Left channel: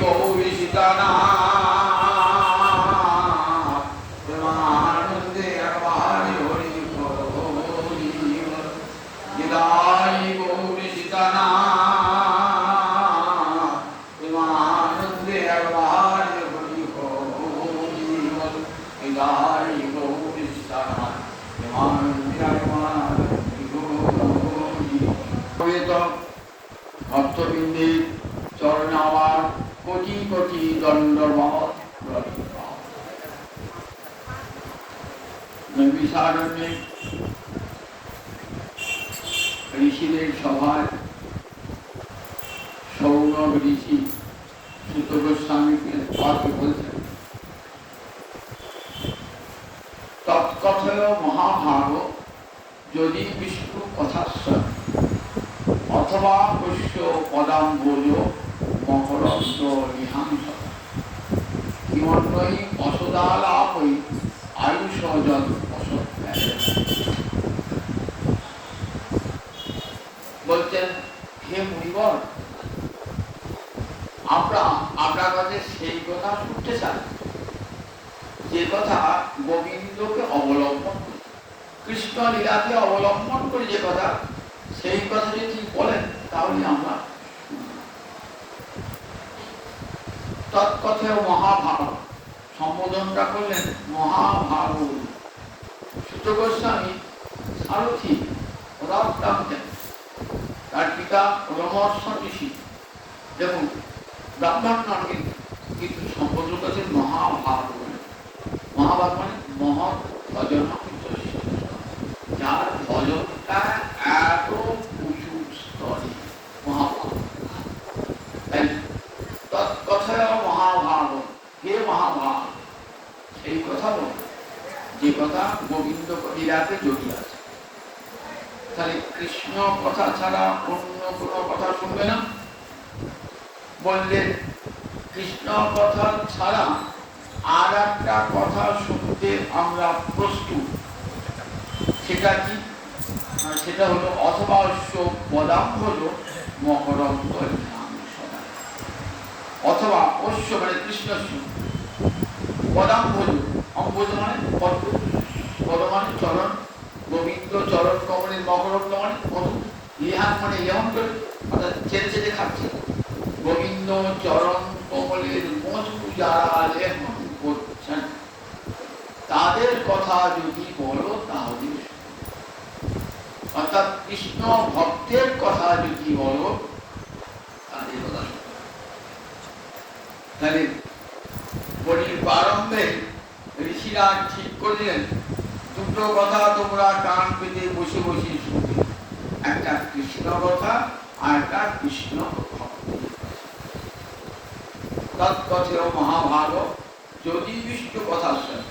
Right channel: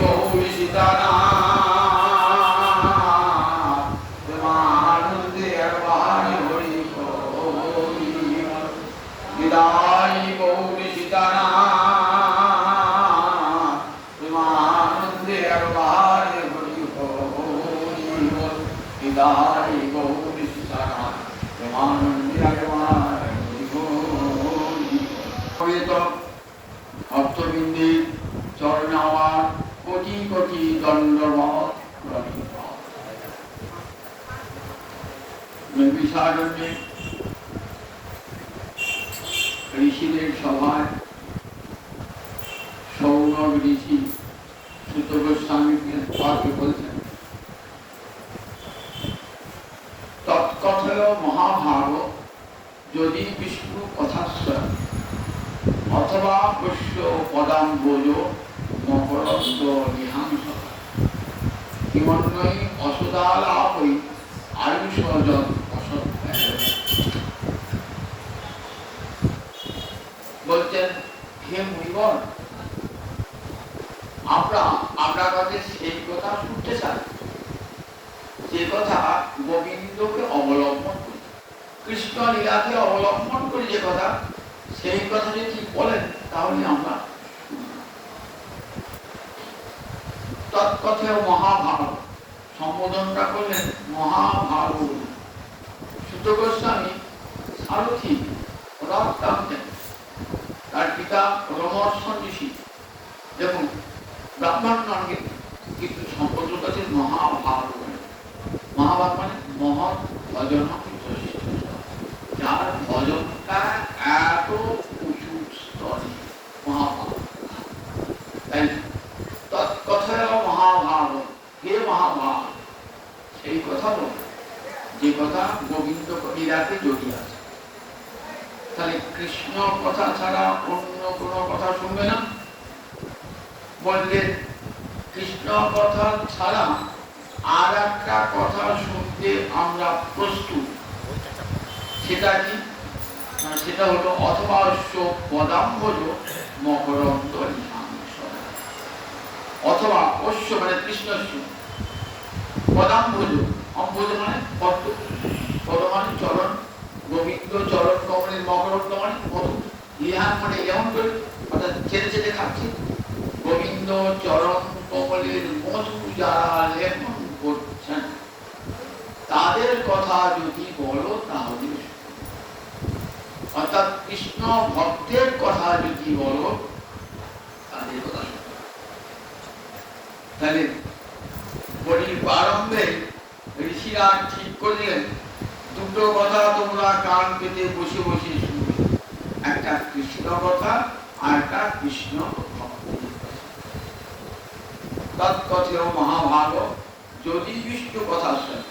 গৌরী সীতারাম প্রেমানন্দে একবারে হরি হরি বিদায় গৌরী সীতারাম প্রেমানন্দে একবারে হরি হরি বিদায় গৌরী সীতারাম প্রেমানন্দে একবারে হরি হরি ভক্তবৃন্দের চরণে আমার কোটি কোটি দণ্ডবত নৈমিষারণ্যে ঋষিদের সভায় সৌনক ঋষি সুত গোস্বামীকে তাকে বলতেন তৎকথয় মহাভারত যদি বিষ্ণু কথাশ্রয় অথবা পশ্য পদাম্বোজ মকরন্দ নিহাংস কিমন্বয়ী অসদালাপৈ আয়ুষজন বলছেন হে মুনিগণ আপনার কাছে সেই কথা শুনতে চান যে কথা গোবিন্দকে অবলম্বন করে কৃষ্ণ লীলাকে অবলম্বন করে যে কথা সেই কথা যদি বলেন তাহলে আমরা তৎকথা মহাভারত সম্বোধনটা করলেন মহাভারত সুত গোস্বামী সারথী রথ টানতেন তার পিতা রমর্ষ ঋষি দেখুন ব্রাহ্মণ নামে কিন্তু সম্বোধন আছে মহাভারত মহাভারত মানে মহৎ ভজন যার ভজনটা এত উঁচু স্তরে মহাভারত তৎকথা মহাভারত হে মহাভারত এই কথা বলে যে কথা গোবিন্দ লীলাতে জড়িয়ে আছে তাহলে কৃষ্ণ কথা ছাড়া অন্য কোনো কথা শুনবে না বললে কৃষ্ণ কথা ছাড়া আর একটা কথা শুনতে আমরা প্রস্তুত সেটা কি সেটা হলো অথবা পদাম্বজ মকরন্দ অথবা অশ্ব মানে কৃষ্ণ পদাম্বজ অম্বজ মানে পদ্ম পদ মানে চরণ গোবিন্দ চরণ কমলের মকরন্দ মানে মধু ইহান মানে যেমন করে অর্থাৎ ছেড়ে ছেড়ে খাচ্ছে গোবিন্দ চরণ কমলের মধু যারা লেখন করছেন তাদের কথা যদি বলো তাহলে অর্থাৎ কৃষ্ণ ভক্তের কথা যদি বলো তাদের কথা তাহলে বলির প্রারম্ভে ঋষিরা ঠিক করলেন দুটো কথা তোমরা কান পেতে বসে বসে শুনবে একটা কৃষ্ণ কথা আর একটা কৃষ্ণ তৎকথা মহাভারত যদি বিষ্ণু কথা শোনে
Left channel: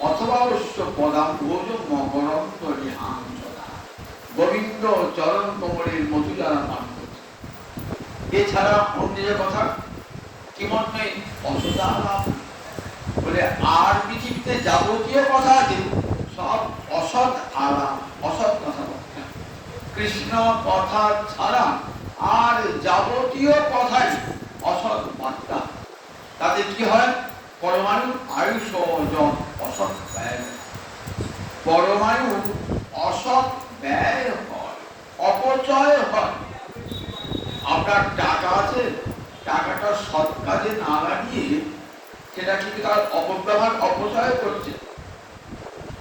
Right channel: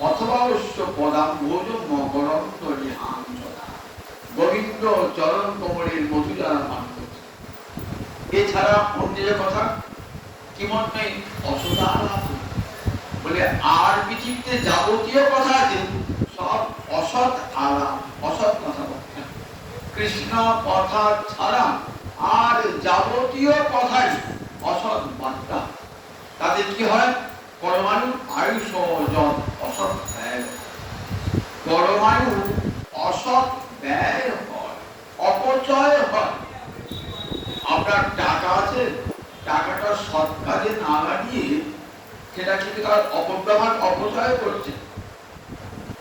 অথবা অবশ্য পদাম্বোজ মকরন্দ নিহাংস গোবিন্দ চরণ কমলের মধু যারা নাম করছে এছাড়া অন্যের কথা কি মনে অসদালাপ বলে আর পৃথিবীতে যাবতীয় কথা আছে সব অসৎ আলাপ অসৎ কথা কৃষ্ণ কথা ছাড়া আর যাবতীয় কথাই অসৎ বার্তা তাতে কি হয় পরমাণু আয়ুষ অসৎ ব্যয় পরমাণু অসৎ ব্যয় হয় অপচয় হয় আপনার টাকা আছে টাকাটা সৎ কাজে না লাগিয়ে সেটা কিন্তু তার অপব্যবহার অপচয় করছে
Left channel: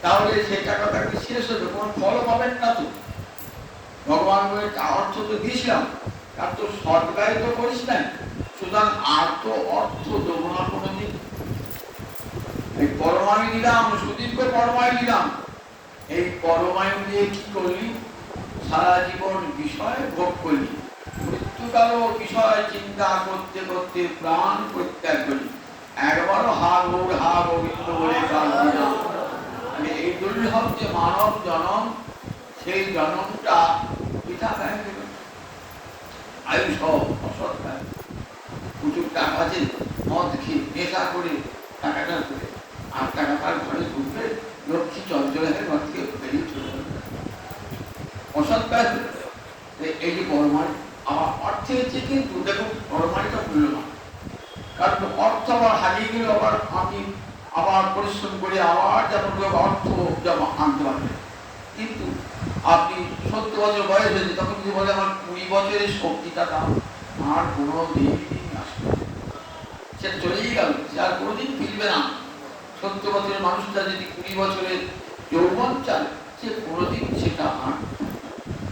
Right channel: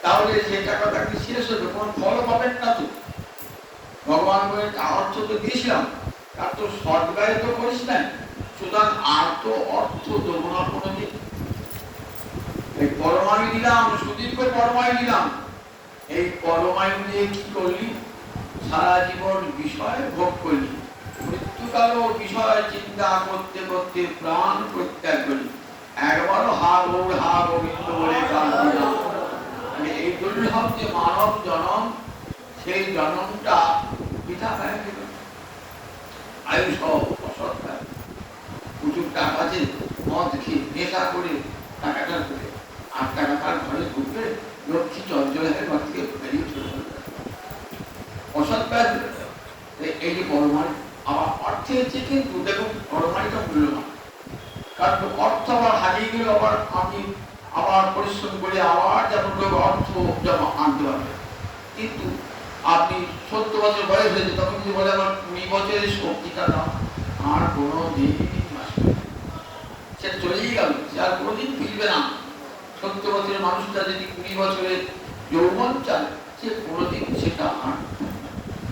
তাহলে সেই টাকাটা কি শেষ হতো কোনো ফল পাবেন না তো ভগবান অর্থ তো দিয়েছিলাম তার তো সৎ ব্যয় তো করিস না সুতরাং আর তো অর্থ দেবো না কোনোদিন এই পরমায়ু দিলাম সুদীর্ঘ পরমায়ু দিলাম এই পরমায়ু দিয়ে কি করলি সারা জীবন বিষয় ভোগ করলি মৃত্যুকালও বিষয় চিন্তা করতে করতে প্রাণ প্রত্যাগ করলি একবারও হা গোবিন্দ বলে গান দিলাম এই জন্য হচ্ছে মানব জন্ম সেই জন্মটা পিতা হয়ে গেল আয়ুষ অসৎ প্রচুর টাকা আছে মদ খেয়ে নেশা করে টাকাটা করে আর টাকাটা ঘরে ঢুকবে লক্ষ্মী চঞ্চলের ঘর থেকে বেরিয়ে চলে অসৎ ব্যয় এই যে পরমাণু আমার অর্থে হচ্ছে কিন্তু দেখুন পরমাণুটা মূল্যবান কারণ অর্থ আমার হারিয়ে গেলে আবার আমি আবার পরিশ্রম করে আবার যেমন অর্থ জমা আনতে পারবে। কিন্তু আপনি 70 বছর বয়স হয়েছে, তখন যদি বলে আমার 20 বছরের শক্তিটা দাও, আর কোনো দিন আসবে, সে চলেই গেল, সে আর কোনোদিন ফিরবে না। 70 বছরের মানুষটা যদি 20 বছরে যৌবন চায়, সে কোনোদিন সেটা আর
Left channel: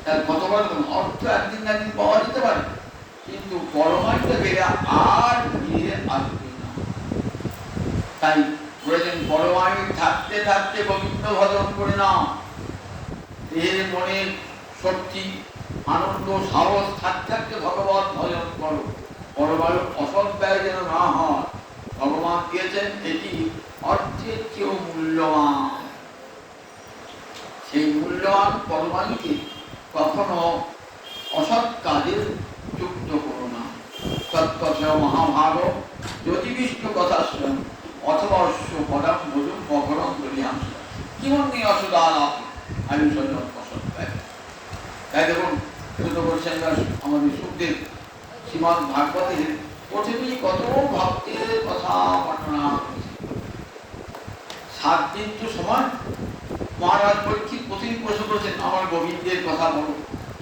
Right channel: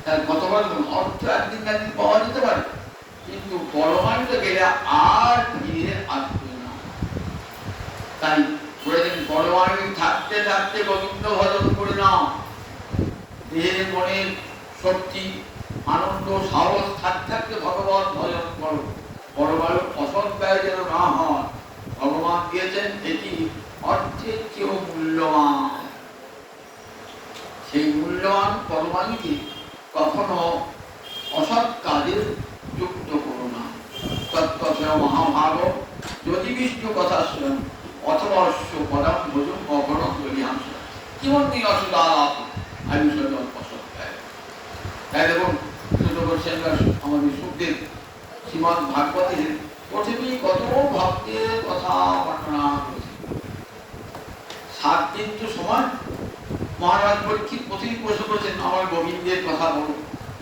তার কতবার অর্থ একদিন না একদিন পাওয়া যেতে পারে, কিন্তু পরমাণুতে গেলে আর ফিরে আসবে না। তাই বলেছেন পরমাণু থাকতে থাকতে গোবিন্দ ভজন করে নাও। দেহের মনের শক্তি আনন্দ সাহস থাকতে থাকতে ভগবান ভজন করো। পরমাণু অসৎ ব্যয় যেন না হয়। ভগবান দিয়েছেন এটি অর্থের চেয়েও মূল্যবান। সেই মূল্যবান পরমাণুকে কখনো অসৎ কাজে যুক্ত করো না। তৎপথ মহাভারত যদি বিষ্ণু কথা শোনেন অথবা অশ্ব পরাম ভোজন অপরম বলিয়াম জীবন নিয়ে অসুবিধা আলাপ আমি অসৎ ব্যয়। তাই দেখুন ছোট বৈশাখ আমাদের সুখদেব শ্রীমদ ভাগবতের প্রথমেই কত ভক্তের কথা বর্ণনা করেছে। 7 দিন তো সময় মহারাজ পরীক্ষিত প্রতিদিন প্রশ্ন করেছেন আমার গোবিন্দের কথা বলো।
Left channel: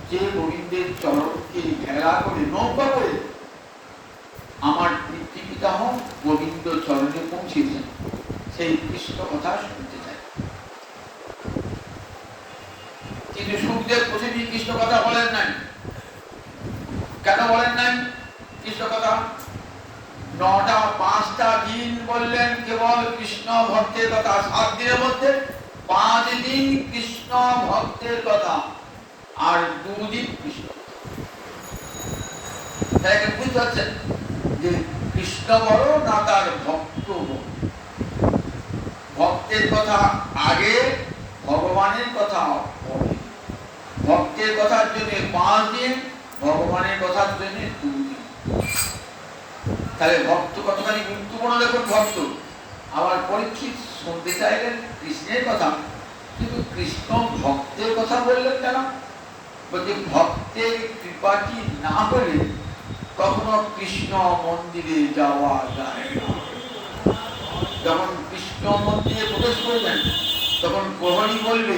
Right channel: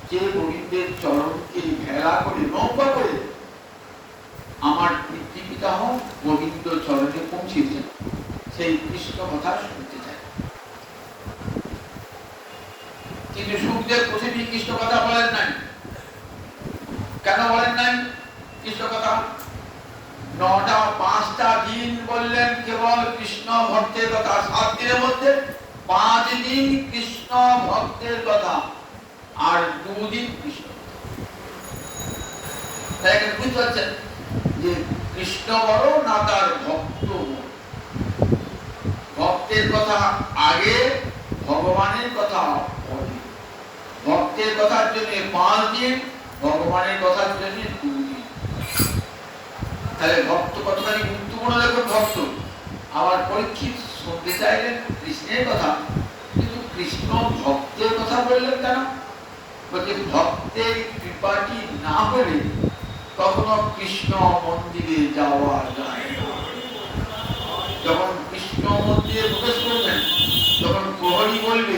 যে গোবিন্দের চরণকে ঘেরা করে নৌকা করে আমার পিতৃপিতামহ গোবিন্দ চরণে পৌঁছেছেন, সেই কৃষ্ণ কথা শুনতে চাই। কিন্তু সুখদেব প্রতিদিন কৃষ্ণ কথা বলেন নাই। কেন বলেন নাই কৃষ্ণ কথা? 5টা দিন বললেন কেবল কৃষ্ণ ভক্তের কথা। 7 দিনের মধ্যে 5 দিন কৃষ্ণ ভক্তের কথা আর 2 দিন কৃষ্ণ। তাই বুঝতে পারছেন যে কৃষ্ণ বড় না তার ভক্ত বড়। ভক্তের কথা আগে, ভগবানের কথা পরে। ভক্তের কথার জন্য 5 দিন, ভগবানের কথার জন্য 2 দিন। তাহলে ভক্ত কতখানি গুরুত্বপূর্ণ দেখুন। ভক্ত আবার পরীক্ষিত শুনতে চাইলেন কৃষ্ণের কথা, কিন্তু কৃষ্ণ ভক্তের কথা বললেন কেন? বলছে ভক্তের কৃপাটি না হলে কখনো কৃষ্ণ মন্দিরে যাওয়া যায় না। যখন কৃষ্ণ মন্দিরে প্রবেশ করবেন তখন প্রহরী বলবে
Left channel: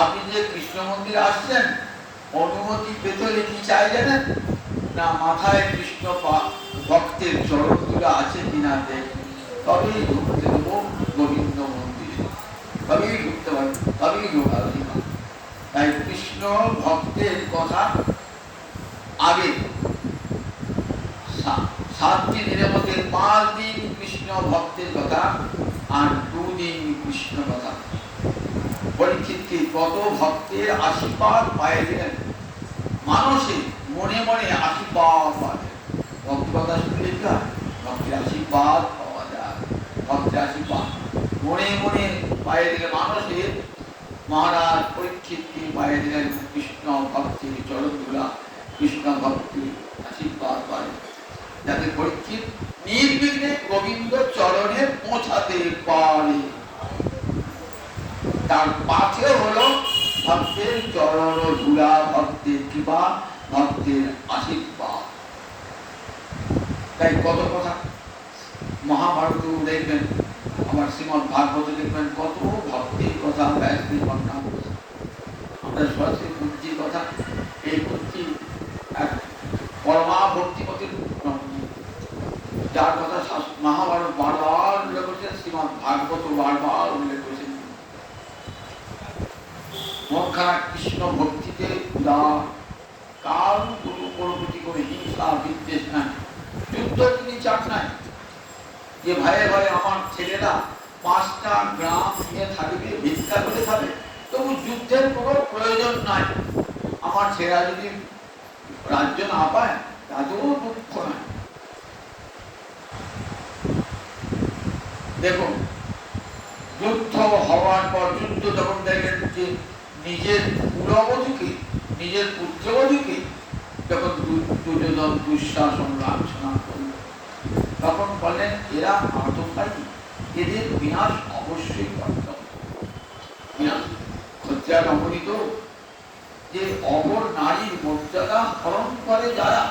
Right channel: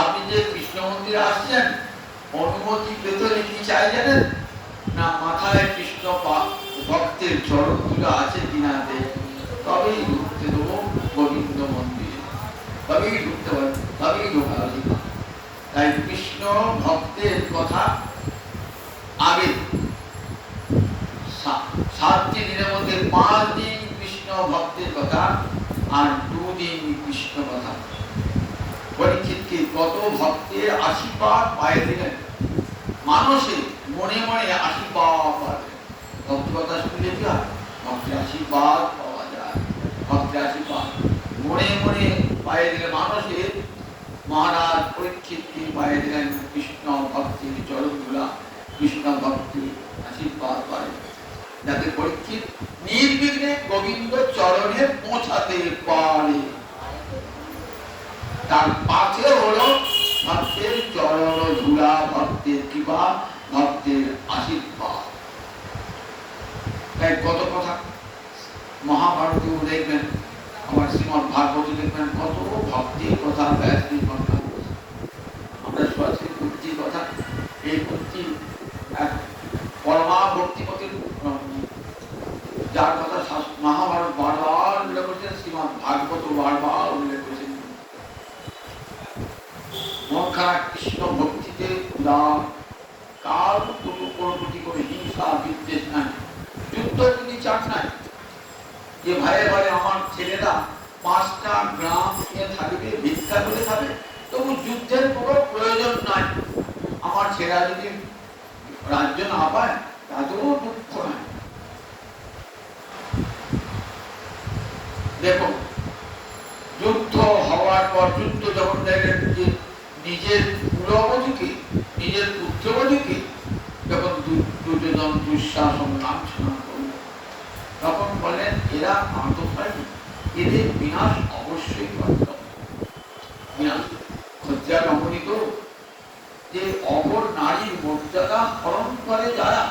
আপনি যে কৃষ্ণ মন্দিরে আসছেন অনুমতি পেতে হলে কি চাই জানেন না? মাথায় কৃষ্ণ ভক্তের চরণগুলো আছে কিনা তবেই ঢুকতে দেবো গোবিন্দ মন্দিরে, তবেই ঢুকতে পারবে, তবেই ঢোকা দিব। তাই কৃষ্ণ ভক্তের কথা আগে। 7 দিনের মধ্যে 5 দিন কৃষ্ণ ভক্তের কথা আর 2 দিন কৃষ্ণ কথা। পরীক্ষিতকে কত ভক্তের আশীর্বাদ পায়ে দিলেন। মানুষে মনে মনে আশীর্বাদ পাবে। ভক্ত কথা শুনলে কি হয়? ভক্তের আশীর্বাদ পাওয়া যায়। ভক্তের আশীর্বাদ মনে মনে পায়ে দিলে মানুষের মহারাজ পরীক্ষিতকে পায়ে দিলেন কৃষ্ণ ভক্তির চরণগুলা, কৃষ্ণ ভক্তির আশীর্বাদ পায়, যাতে পরীক্ষিত নির্বিঘ্নে গোবিন্দ চরণে পৌঁছাতে পারে। তার পাশে হলো ভক্তের চরণ ধুলা, ভক্তের কৃপা, ভক্তের আশীর্বাদ। তাই কত কথা মহাভারত দেখবেন, আমার শ্রীমদ ভাগবত দেখবেন কত ভক্তির কথা ব্যাসদেব বর্ণনা করেছেন। আমরা সরাসরি ভক্তির কথা, এই ভক্তি পরমা ভক্তিপতির যার কথা মহাভারত বারবার উল্লেখ করেছেন, শ্রীমদ ভাগবত বারবার উল্লেখ করেছেন। মনখানা কৃষ্ণ ভক্তিতে কার কোটি করে হিংসা বিদ্বেষ নাই, যুদ্ধ তিনি চান নাই। যে ভাইয়ে ভাইয়ে আমার ছেলেরা 5টা গ্রাম নিয়ে থাকবে, ভিক্ষা করে খাবে, তবু যুদ্ধের কোনো প্রয়োজন নাই। আমার ছেলেরা যদি রাজ্য না পায় তাতেও দুঃখ নাই। দেখুন যুদ্ধ হওয়ার পর, যুদ্ধ যখন দেখলেন যে নিজের কুলবধূকে, নিজের পুত্রবধূকে যখন দুর্যোধন দুঃশাসন লাঞ্ছনা করল, তখন বললেন এরা আত্মসায়ী, এদের বিনাশ অবশ্যই করতে হবে। সত্যিকার অমৃত যে অপর নারীর মর্যাদা হরণ করে যারা,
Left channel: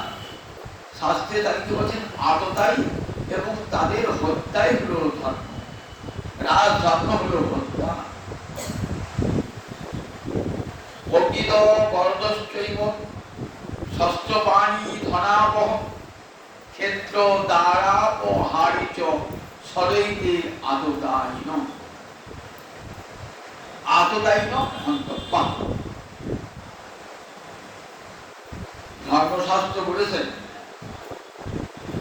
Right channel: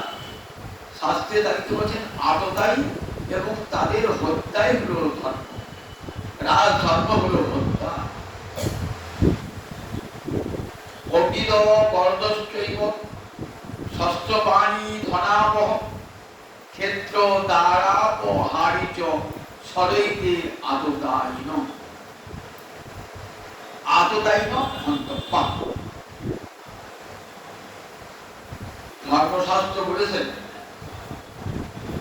শাস্ত্রে তারিখে বলছেন আততায়ী এবং তাদের হত্যাই হলো ধর্ম, রাজ ধর্ম হলো হত্যা। অগ্নিদ বরদশ্চৈব শস্ত্রপাণি ধনাবহ ক্ষেত্র দ্বারা ও হারিচ সদৈতে আততায়ীন আততায়ীন অন্তঃপা। ধর্মশাস্ত্র বলেছেন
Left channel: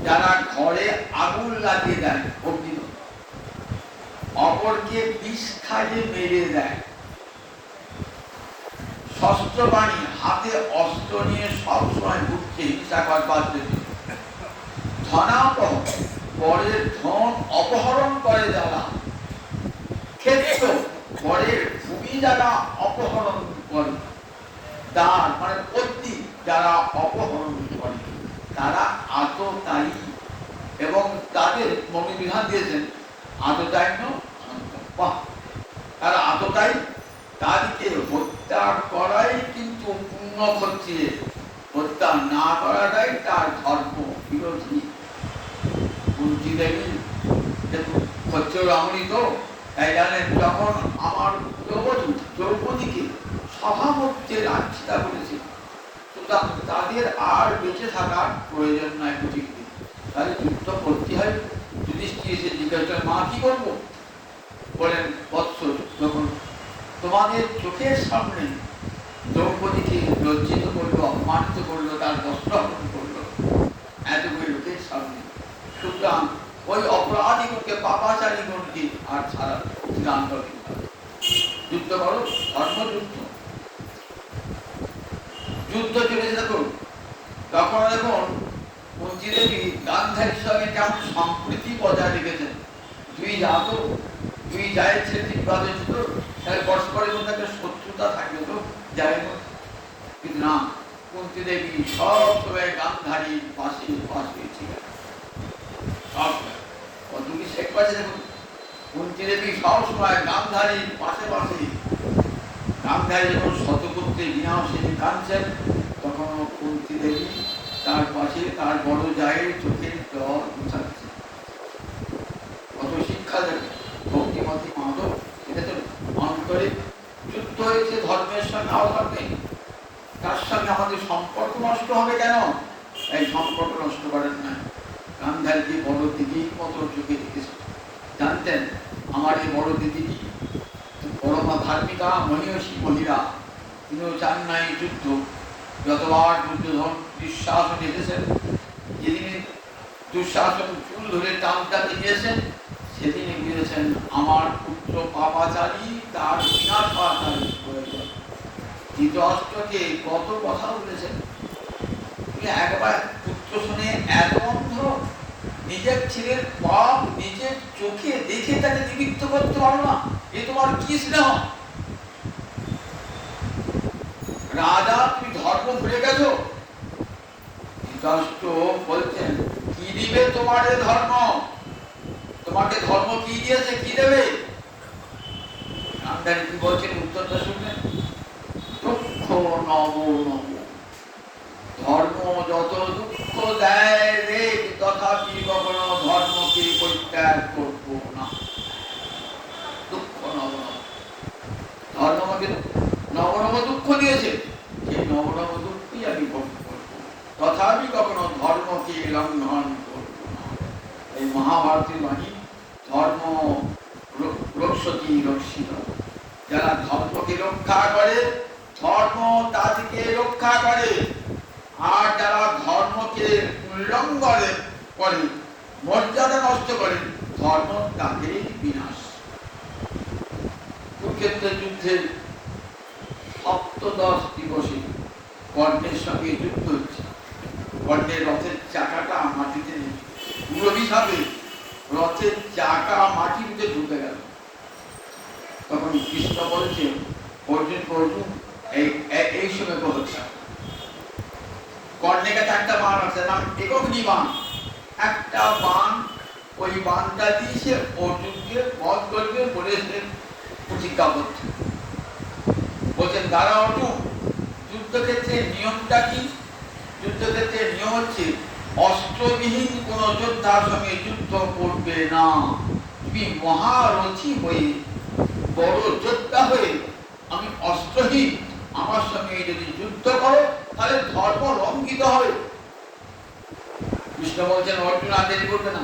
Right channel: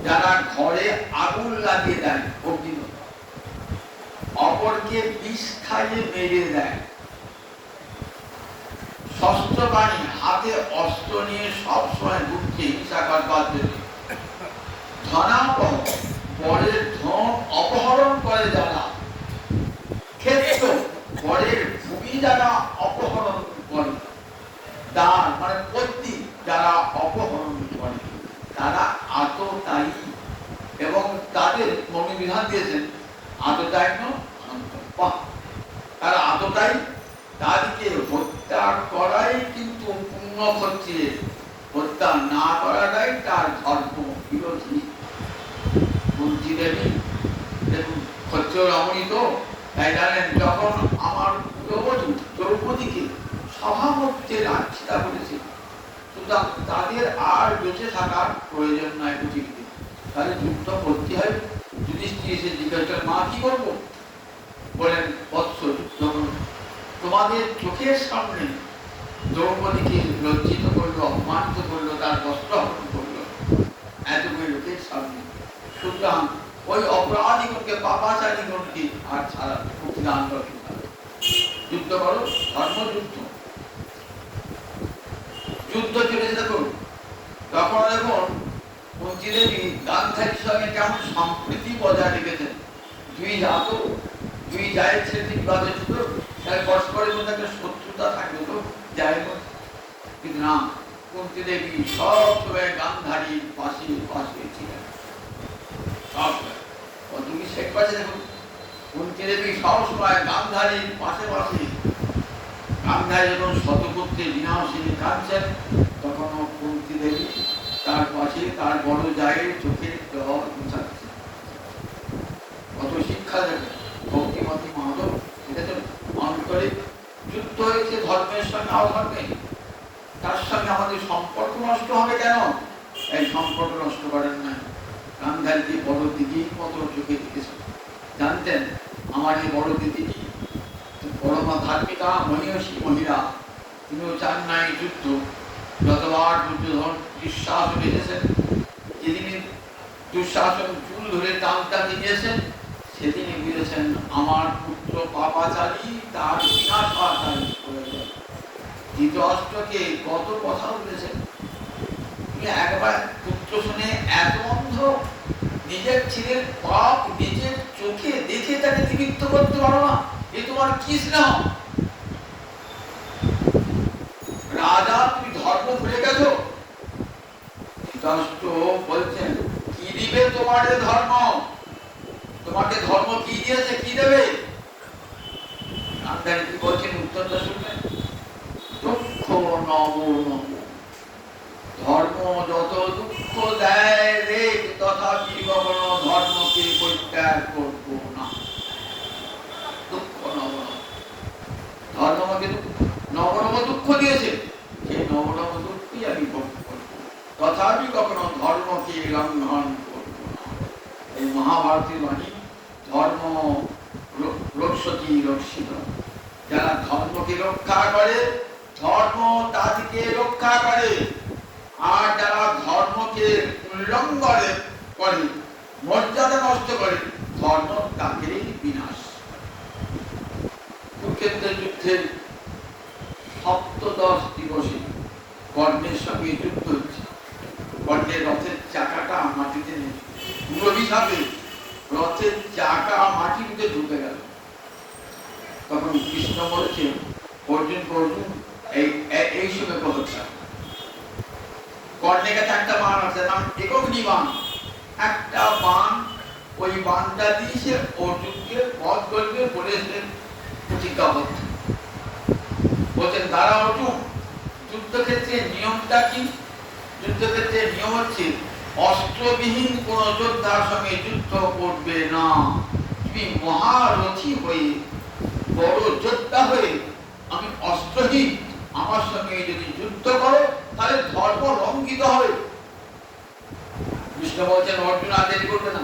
যারা ঘরে আগুন লাগিয়ে দেয় অগ্নি, অপরকে বিষ খাইয়ে মেরে দেয়, শস্ত্রবাণী হাতে অস্ত্র নিয়ে সবসময় ঘুরছে হিংসা করবার জন্য, ধনাবহ বরের ধন অপহরণ করে যারা, ক্ষেত্র বরের ভূমি যারা অপহরণ করে, দ্বার মানে পত্নী যারা অপহরণ করে, তারা আততায়ী। এবং তাদের মনে বিধান দিয়েছেন আততায়ীন অন্তঃপা, তারা আততায়ী, তাদেরকে হত্যা করাই কিন্তু পুণ্য ক্ষত্রিয়ে, হত্যা না করাটাই তার ধর্ম বিরোধী। বুঝিলেনি? দেখুন ক্ষত্রিয় রামণী তো তাই জানেন, যখন আমার দ্রৌপদীকে সভামধ্যে লাঞ্ছিতা করেছে, সুতরাং তাদের আর বেঁচে থাকার প্রয়োজন নাই পৃথিবীতে, তাহলে যুদ্ধ করতে হয়। যুধিষ্ঠির এসে জিজ্ঞাসা, মা কি করবো? বলেন, বৎস, যখন তোমাদের চোখের সামনে দ্রৌপদীকে লজ্জিত করলো, অপমানিত করলো, তার বস্ত্র হরণ করলো এতগুলো লোকের সামনে, সুতরাং ওই অপরাধীগণকে, পাপাচারীগণকে আর ছাড়া প্রতিদান করো, যুদ্ধ করো, ধর্মযুদ্ধ। যুদ্ধ চলেছে দেখুন। তখন দেখুন কুন্তী দেবী গান্ধারীর সঙ্গে কেমন সম্প্রীতি বজায় রেখেছেন। দুই জায়ের ছেলে বিবাদে ছিল, তাহলে পরস্পরের মধ্যে একটা শত্রুতা থাকবে তো যায় না, কিন্তু না, কুন্তী দেবী সব সময় গান্ধারীর পাশে হয়েছিলেন। কুন্তী দেবী সব সময় গান্ধারীর পাশে। গান্ধারী যখন শতপুত্রের বিনাশিনী কাঁদছেন, তখন কুন্তী দেবী তার পাশে তার বড় জায়ের চোখে জল মুছাচ্ছে। কত শিক্ষা দেবে ভক্তিমতী মাধব। দেখেছেন, মন করে যুদ্ধ হয়েছে ধর্মের সঙ্গে অধর্মে, তার সঙ্গে আমাদের সম্পর্ক নষ্ট হবে কেন? এই সম্পর্ক নষ্ট করেন না। গান্ধারীকে বড় দিদির মতো চোখে দেখেছেন, জানতেন আমার যে বড় দিদিটি পরমা ধার্মিকা মহিষী মহিলা, তিনিও চান নাই যুদ্ধ। যতবার দুর্যোধন দুঃশাসন এসেছেন, যেদিনে দুঃশাসন চুল ধরে টানতে গিয়েছেন, সেদিনে বলেছেন আমার পুত্র পাপাচারী, তার বিনাশ হওয়া প্রয়োজন। ধৃতরাষ্ট্রকে কত কথা বলেছেন। তুমি একবার পুত্র শুনে এত অন্ধ, নিজের ছেলের পাপ নিজের চোখে দেখে তাকে নিবৃত্ত করতে পারো না, এ তোমার কি স্নেহ? রাজা, তুমি ধর্ম ভুলে গেছো। ধৃতরাষ্ট্র বলছেন, কি দিবে তোমার ধর্ম? তোমাকে ধর্ম কি দিয়েছে, কি দেবে? গান্ধারী কি বলছেন উত্তরটা শুনলেন? দুঃখ নব নব, ধর্ম যত দুঃখ দেয় রে, তথাপি কখনো ধর্মকে পরিত্যাগ করব না। দুঃখ নব, ধর্ম আমাকে নবনব দুঃখ দিয়েছে, সেই নবনব দুঃখই আমি ভোগ করব, তথাপি কখনো ধর্মকে লঙ্ঘন করব না। এই মহাভারতের বাণী, ধর্ম রক্ষতি রক্ষিত। যারা ধর্মকে রক্ষা করে, ধর্ম তাদেরকে রক্ষা করে। আর যারা ধর্মকে উল্লঙ্ঘন করে, মর্যাদা নষ্ট করে, ধর্ম তাদের বিনাশ। কুরুক্ষেত্রের যুদ্ধের সপ্তদশ দিবসে কর্ণের সঙ্গে যুদ্ধ হচ্ছে। কর্ণের রথের চাকাটা মাটিতে হিসাবে রথের চাকা মাটিতে ঢুকে গেল। তখন কৃষ্ণ বলেছে, অর্জুন অর্জুন এই সময় পদক্ষেপ। কর্ণের কাছে একটা বাণ আছে, নাম একগ্নি বাণ। একটা বাণ, ওই বাণটা দিয়ে সে অর্জুনকে বধ করবে বলেছেন প্রতিজ্ঞাবদ্ধ। বলছেন দাঁড়া অর্জুন, যুদ্ধক্ষেত্রে নিয়মটা কি? যুদ্ধক্ষেত্রে নিয়ম হচ্ছে অস্ত্রবিহীন কোন যোদ্ধার সঙ্গে যুদ্ধ করবে না। তুমি মহারথী হয়ে বড় যোদ্ধা হয়ে আমি অস্ত্রহীন আমার সঙ্গে যদি যুদ্ধ করো তাহলে ধর্ম লঙ্ঘিত হবে। কৃষ্ণ বলছেন অর্জুন আর দেরি করবে না,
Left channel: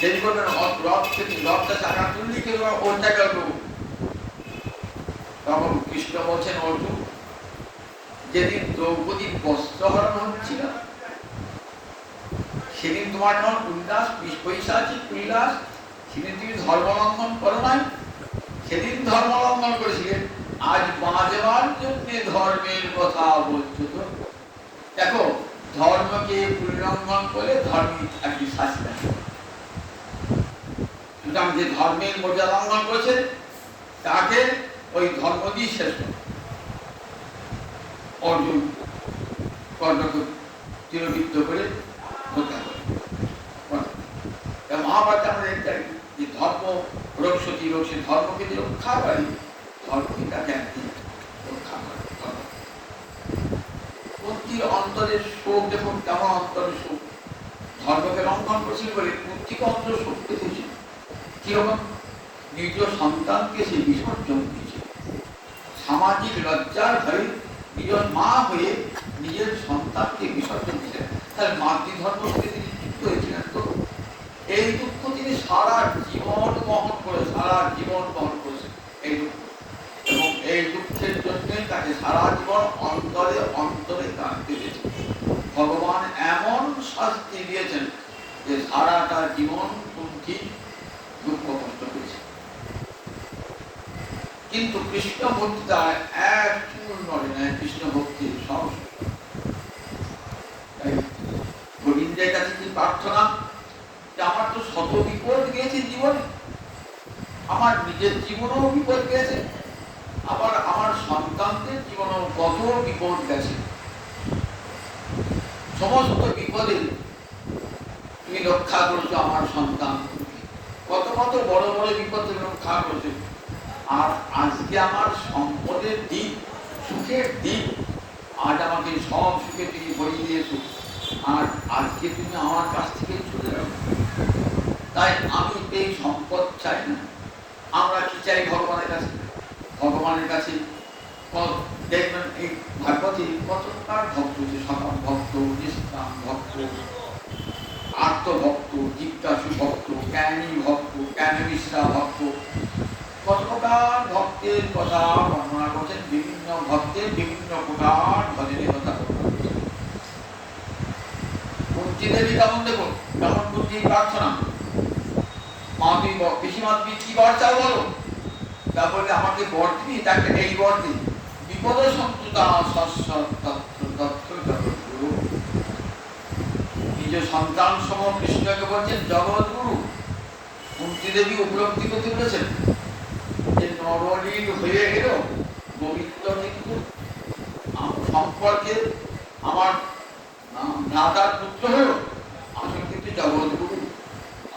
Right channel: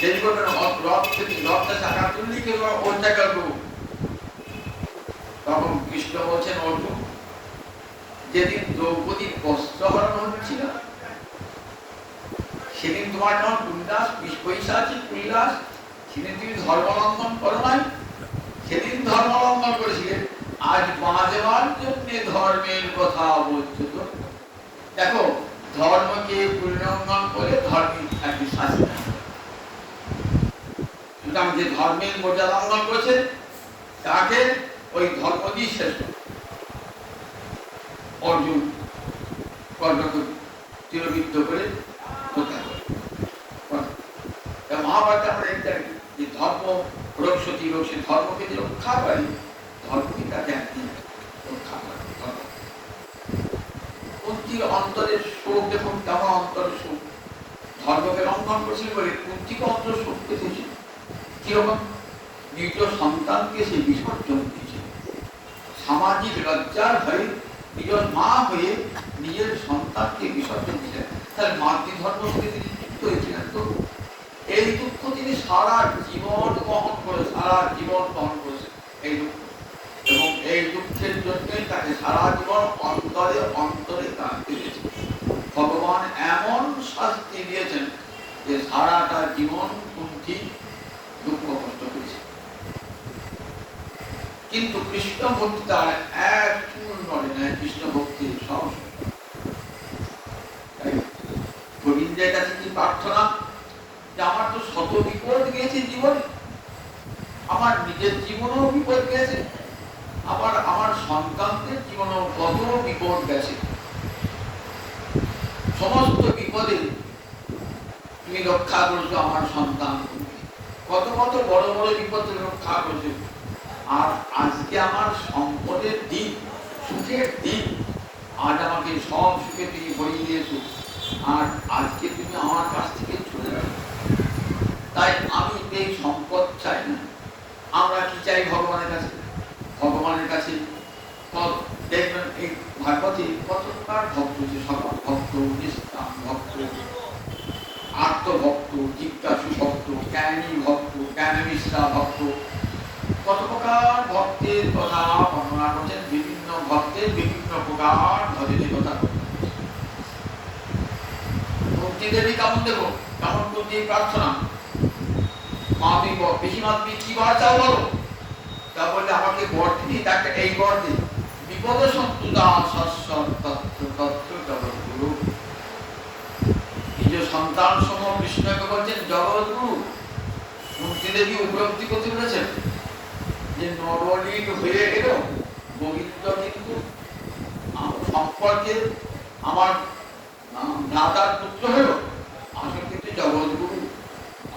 দেরি করবে না, রথটা চাকা তুললি কেউ ওটা করবো। তখন কৃষ্ণ বলছেন অর্জুন, যেদিন দ্রৌপদী বস্ত্র হরণ হচ্ছিল সেদিন তোমার যখন উল্লাস পৈশাচিক উল্লাস, সেদিন তুমি ধর্মলঙ্ঘন করো নাই, সেদিন ধর্মলঙ্ঘন করেছিলেন। আজ বাঁচবার জন্য ধর্মের কথা বলছো তো। দেখো ধর্মকে উল্লঙ্ঘন করে ধর্মের একটি শাস্তি নাই। সুতরাং যে ধর্মের মর্যাদা লঙ্ঘন করেছে তাকে ওই ধর্ম দিয়ে শেষ করে অর্জুন কর্ণকে চিরবিদ্ধ করে হত্যা করে। মহাভারতে আমরা দেখতে যে ধর্ম রক্ষতি রক্ষে ধর্মকে যে রক্ষা করে, ধর্মকে তাকে একদিন রক্ষা করে। কুন্তির অন্তরের শোক দেখুন কেমন অন্তরের শোক। ধর্মকে লঙ্ঘন করছে বলে কুন্তিকে অন্তর শোক পেতেছে কিরকম, নিজ সন্তানকে সে বিসর্জন দিয়েছে। সামাজিক লজ্জার ভয়ে নিজের মা হয়ে নিজের সন্তানকে বিসর্জন দিয়েছে। তার মাতৃধর্ম থেকে তিনি যুক্ত হয়েছিলেন। তো এই দুঃখ তিনি সারা জীবন বহন করে, সারা জীবন বহন করেছেন এই দুঃখ, এবং এই দুঃখের জন্য তাকে সারা জীবন অন্তরে অন্তরে কাঁদতে দিয়েছেন। ভগবান এমন শাস্তি দিয়েছেন যে সারাটা জীবন কুন্তি দুঃখ কষ্ট হয়েছে। কিন্তু কৃষ্ণ ভক্তি তার এক চুল নড়ে না। কৃষ্ণ ভক্তির সব গোবিন্দের কাছে কি প্রার্থনা, যে আমার তো শত বিপদ গেছে জীবনে, আমার নিজের জীবনেও বিপদ গেছে, আবার আমার সন্তানদের জীবনেও কত বিপদ গেছে। সমস্ত বিপদে তুমি রক্ষা করছো আমার সন্তান, কত কত বড় বড় বিপদে রক্ষা করছো। আর আজকে আমার সম্পদের দিক, সুখের দিক, আজ আমাকে সব সুখে তুমি বই দিয়েছো, আর আজকে তুমি আমার কাছ থেকে চলে যাবে। তাই আমি এই সম্পদ চাই না। আমরা কি চাই ভগবানের কাছে? ভগবানের কাছে দেখবেন এই ভাগবতে কতটা ভক্ত, যে সকল ভক্ত, নিষ্কাম ভক্ত, আত্মভক্ত, জিজ্ঞাসু ভক্ত, জ্ঞানী ভক্ত, জ্ঞাননিষ্ঠা ভক্ত, কত প্রকার ভক্তের কথা বর্ণনা করছেন। বিভিন্ন ভক্তের বিভিন্ন প্রকার ভজনের কথা কুন্তি দেবী কেমন দেখো, কেমন কুন্তির প্রার্থনা, মা তুমি পিসিমা তুমি কি বর চাও বলো। তা বললে আমাকে বর দিই, তাকে এই বর দিই, বিপদ সন্তুদা নিজ সন্তান সম কৃষ্ণকে বলছেন জগৎগুরু। কুন্তি দেবী উপলব্ধি করতে বলেছেন যে নরলীন হয়ে গেল গোবিন্দ কিন্তু সম্পর্কে আমার দাদার পুত্র হল, আসলে কিন্তু জগৎগুরু,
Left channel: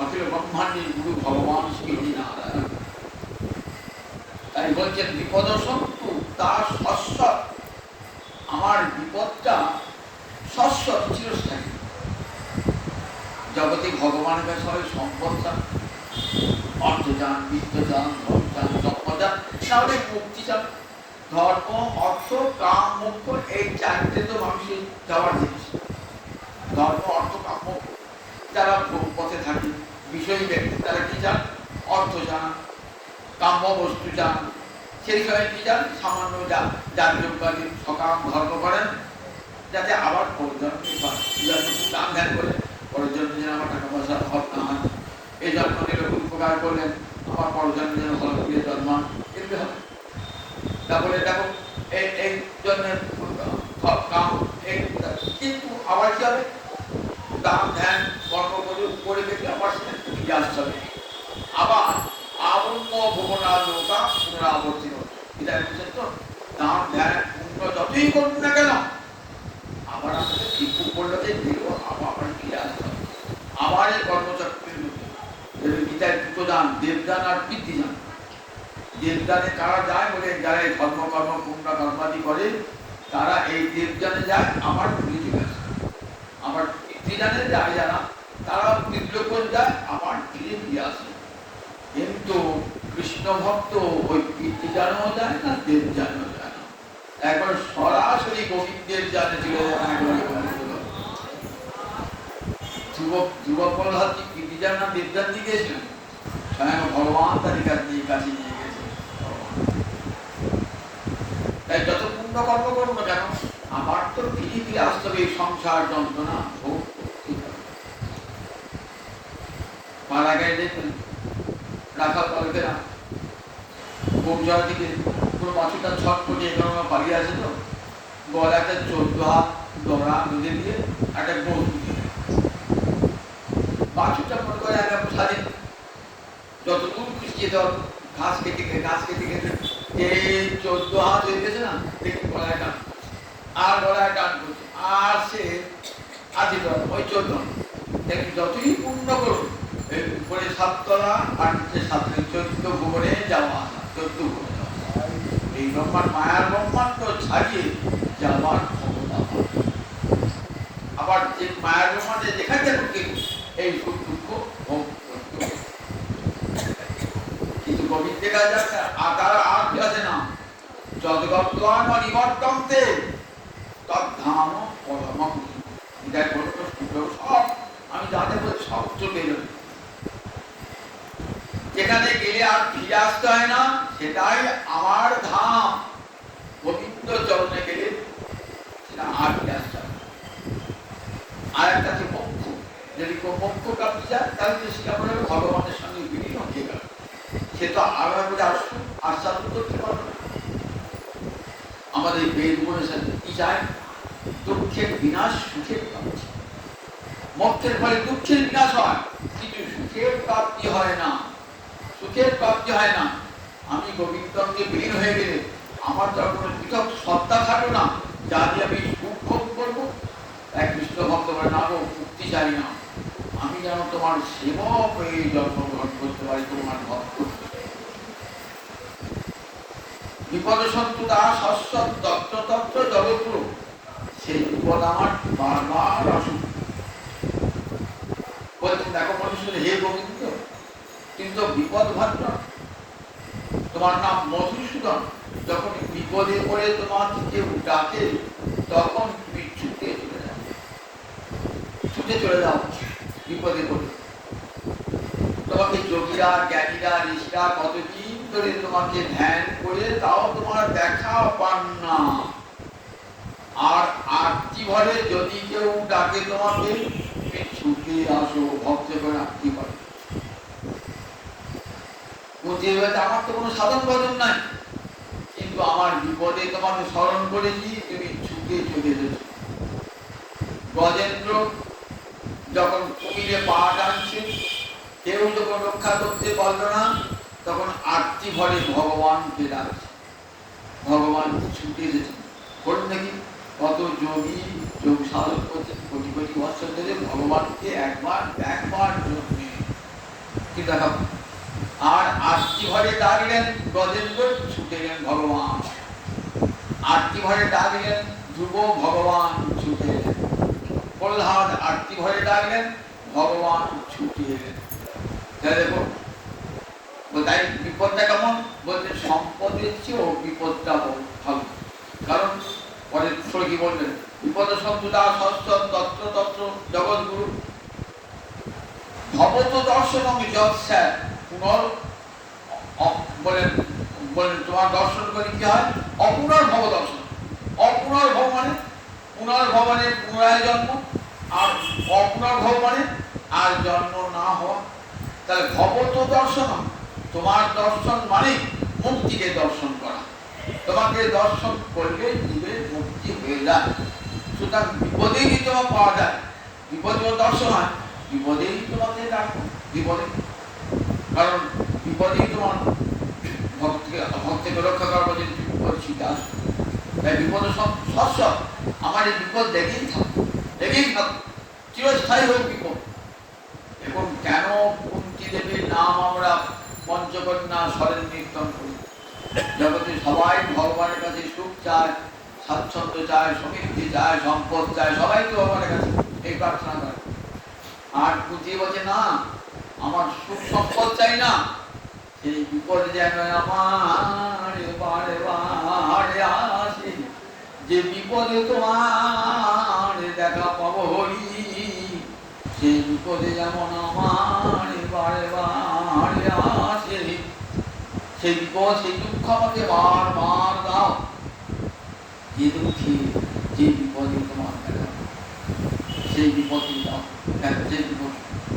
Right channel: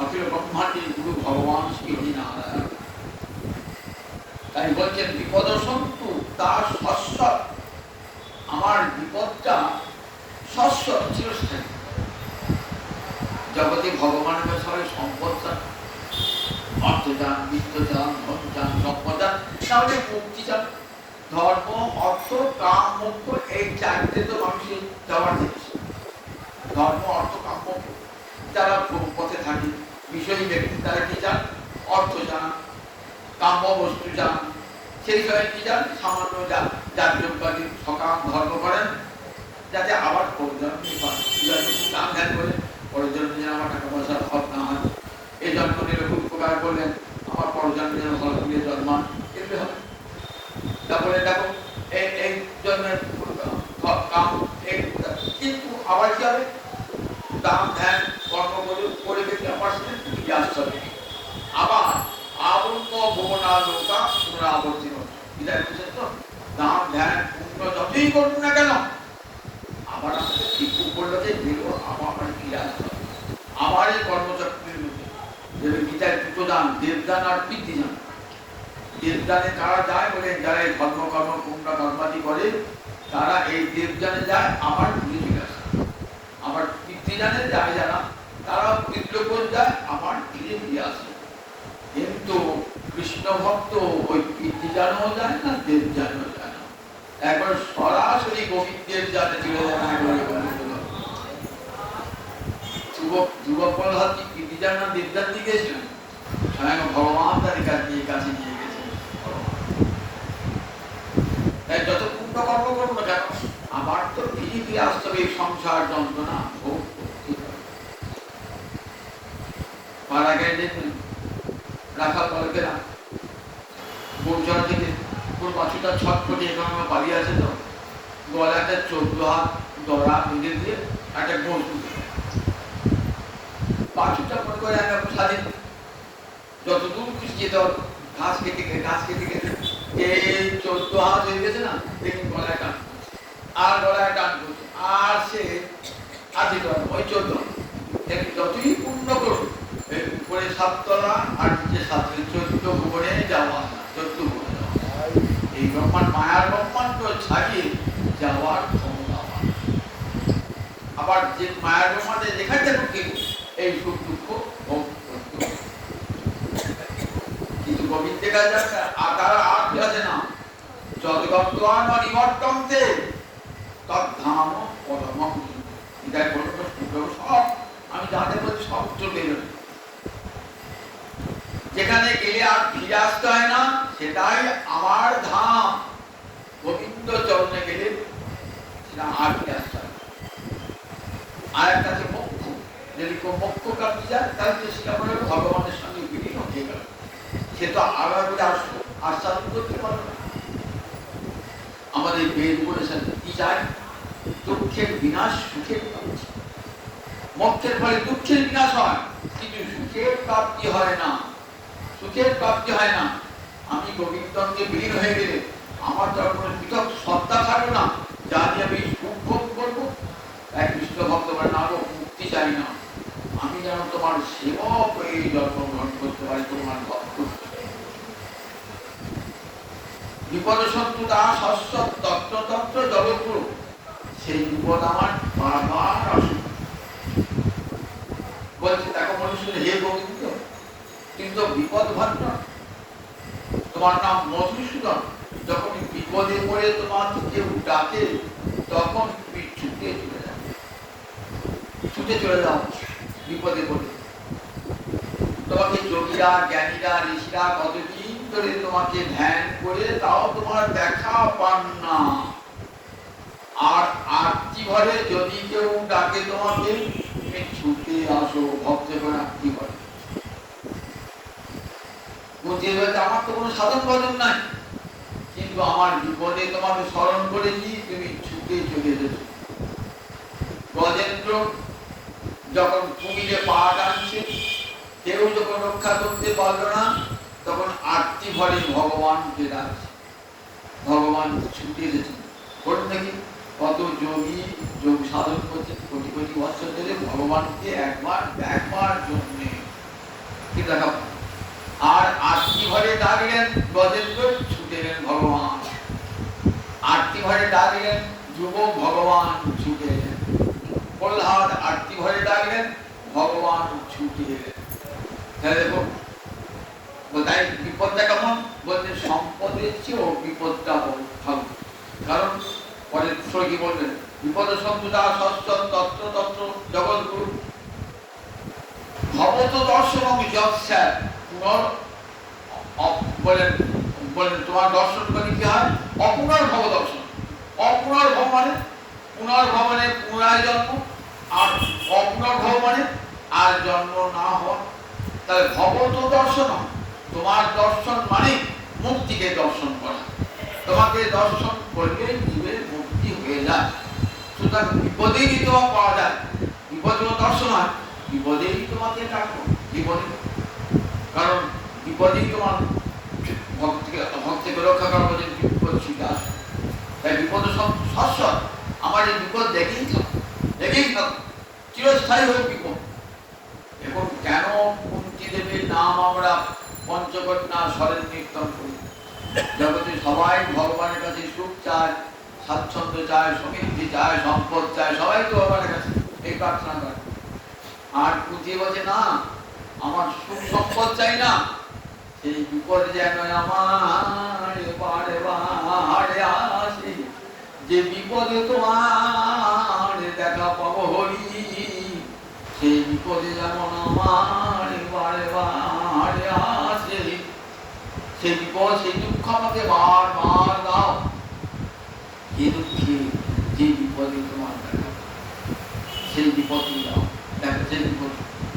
আসলে ব্রহ্মাণ্ডের গুরু ভগবান শ্রীনারায়ণ। তাই বলছেন বিপদ সন্তু তার শস্যত, আমার বিপদটা শস্যত চিরস্থায়ী। জগতে ভগবানের কাছে সবাই সম্পদ চান, অর্থ চান, বিত্ত চান, ধন চান, সম্পদ চান, আমাদের মুক্তি চান। ধর্ম, অর্থ, কাম, মোক্ষ, এই চারটে তো মানুষের যাওয়ার জিনিস। ধর্ম, অর্থ, কাম, মোক্ষ। যারা পথে থাকে বিষয়ী ব্যক্তি তারা কি চান? অর্থ চান, কাম্য বস্তু চান। সেই সময় কি চান? সামান্য যাজকবাদী সকাম ধর্ম করেন, যাতে আবার প্রয়োজন দান ধ্যান করে পরজন্ম যেন আমার টাকা পয়সার অভাব না হয়, এই জন্ম নিলে উপকার করলেন, আমার পরজন্ম যেন ভালো করে জন্মান, এগুলি হবে। তারপরে দেখো এই জন্মের কাম, কিন্তু আবার কি হবে? দান ধ্যান কর্ম করে গেছে আমার সাথে আসতে হবে। আবার আবন্ন ভুবনা লোকা পুনরাবর্তিত, এটা বুঝছেন তো? দান ধ্যান পুণ্য যতই করুন না কেন, আবার আমাদের ঠিক করলো যে আমার ফিরে আসতে হবে। আবার এই কর্মচক্রের মধ্যে গীতায় দুটো দান, দেবদান আর পিতৃদান। দেবদানে কারা যায় বলে, যারা এই ধর্ম কর্ম পুণ্য কর্মাদি করে তারা এই দেবদানে যায়, আবার ঘুরে ফিরে আসে। আবার প্রীতিদানে যায় যারা, তারা বিদ্রোহণ যায়, আবার ফিরে ফিরে আসে। কিন্তু কৃষ্ণ ভক্ত ওই প্রীতিদানও যায় না, দেব জানও যায় না, একবার সরাসরি গোবিন্দের জানে চলে যায় না। যুবক প্রহ্লাদ প্রীতিদান না দেবদান দিয়ে গেছিলেন, স্বয়ং ভগবান তাদের কাছে নিয়ে গেছে। তাই যত পুণ্য কর্ম করুন না কেন, আমার তো ফিরে ফিরে আসতে হবে এই সংসার যন্ত্রণা ভোগ করতে হবে। মারা গেলে দেখুন রাখাল বালকেরা গৌচার থেকে পুরো বাছুরটা ছট করে এখানে পালিয়ে আছে, তো গলা একটা 14 হাত দড়া বুঝে দিয়ে একটা গোল বাছুরটা মনে করে একটা স্বাধীন, যতদূর পিছিয়ে দেওয়া ঘাস কেটে এই 14 হাত হয়ে গেছে না, দেখুন গলায় টান আর গলায় টান করছে, আর সে আছে ওই 14 দেখুন যতই পূর্ণ করুন উপরে 7 তলা আর নিচে 7, 14 ভুবনে যাওয়া, 14 ভুবনে এই ব্রহ্মাণ্ড মায়ার ব্রহ্মাণ্ড ছাড়িয়ে যাওয়ার ক্ষমতা। আবার যে মায়ার ব্রহ্মাণ্ডে দেখা যাবে এই সুখ দুঃখ ভোগ করতে, কিন্তু গোবিন্দের কাছে আকার আর আছে না, যদগত্বান নিবর্তন্তে তদ্ধাম পরমম। এটা কোনো তো সব আমি জানি বলে সব চলে যাবে, যেখানে গেলে আর ফিরে আসতে হয় না, সেটাই আমার ধাম। গোবিন্দ চরণে গেলে সেটা আর ফিরে আসতে হয়। আর একটা যে মোক্ষ, যদি মোক্ষ প্রাপ্তি যায় তাহলে সেটা করে ভগবানের সঙ্গে বিলীন হয়ে গেল, সে তো আবার করে আসবে, আশ্বাদন করতে পারবে না। আমাদের বেদ বলেছেন কি চায়, দুঃখের বিনাশ সুখের প্রাপ্তি। মোক্ষের ফলে দুঃখের বিনাশ হয়, কিন্তু সুখের প্রাপ্তি হয় না, সুখের প্রাপ্তি হয় না। আমি গোবিন্দকে বিলীন হয়ে গেলে আমার যখন পৃথক সত্তা থাকবে না, যা দিয়ে আমি সুখ ভোগ করবো। তাই কৃষ্ণ ভক্ত বলেন আরো মুক্তি চাই না, আমি যেন তোমার সেবক হয়ে জন্মগ্রহণ করতে পারি, তোমার ভক্ত। বিপদ সন্তু দাস অশ্বত তত্ত্ব তত্ত্ব জগৎগুরু, সেই বিপদ আমার বারবার আসুন বলছে। দেখো মানুষ হে গোবিন্দ, কিন্তু বিপদ ভাগ্য তোমার নাম মধুসূদন, যখন বিপদে পড়ে তোমার কেউ ডাকে তখন তুমি ছুটে চলে যাও বিপদে পড়ে। তোমাকে যোগীরা জ্ঞানীরা ঋষিরা কতদিন ধরে তোমাকে ধ্যান করে তাও তোমার দেখা পান না। আর আরতি ঘরে যদি কেউ ডাকে তোমাকে, তুমি ছুটে আসো ভক্ত করে আরতি ঘরে। আমার তো কোনো সাধন ভজন নাই, কিন্তু আমার বিপদে তোমাকে স্মরণ করেছি, তুমি ছুটে চলে যেত। গজেন্দ্র যখন কুমিরে পা টানছে, কেউ যখন রক্ষা করতে পারল না, তখন আরতি ঘরে ভগবানকে ডাকছে, ভগবান ছুটে যেত। বলুন নাকি কত যোগী যোগ সাধন করতে কোটি কোটি বছর ধরে ভগবানকে একবার যোগ নেই। আর আরতি ঘরে ডাকলেন গজেন্দ্র, ছুটে এলেন ভগবান। আরতি ঘরে ডাকলেন ধ্রুব, ভগবান ছুটে এলেন। প্রহ্লাদ আরতি ঘরে ডাকলেন, ভগবান ছুটে এলেন। তাই বিপদটা কেমন বলছে, সম্পদের চেয়েও বিপদটা ভালো। কারণ পরে কি বললেন, বিপদ সন্তুদা ষষ্ঠ তত্ত্ব তত্ত্ব জগৎগুরু ভবত দর্শন যৎস্যাৎ পুনর বলেন তোমার দর্শন করে কি হয়, অপুনর্ভব দর্শন। অপুনর্ভব মানে পুনর্ভব মানে পুনরায় জন্ম, আর অপুনর্ভব মানে আর জন্ম না হওয়া। তাহলে ভবত দর্শন, তোমার দর্শন মানে মুক্তিকে দর্শন করা। তোমাকে দর্শন করলে জীবের মুক্তি হয়ে যায়। সুতরাং বিপদেরই তোমার পাওয়া যায়, বিপদেও দর্শন হয়, বিপদেরই তোমাকে ডাকো বিপদে। কারণ বিপদেই তোমার ভক্তিকে রক্ষা করার জন্য বিপদ শিখে আসো। তাই বিপদ সব সস্বর, আমার এই বিপদ দেখেই থাক, চিরস্থায়ী হোক বিপদ। এবং কেন কুন্তি দেবীর নাম আমরা পঞ্চকন্যা স্মরণ কীর্তন করি? জগতে সবাই ভগবানের কাছে সুখ চায়, স্বাচ্ছন্দ্য চায়, সমৃদ্ধি চায়, সম্পদ চায়, সবাই তো ভগবানের কাছে এই প্রার্থনা করে। আর বুঝে বলছে না আমার সুখ সম্পদ চাই না, সেই বিপদ যেন আমার বারে বারে আসে, যে বিপদে তোমার দেখা পাবো হরি, সেই বিপদে যেমন আমার বারে বারে আসে, সেই বিপদ সেই দুঃখ আমাকে বার বার দাও, যে দুঃখে যে বিপদে তোমার দেখা সেই বিপদটি দাও,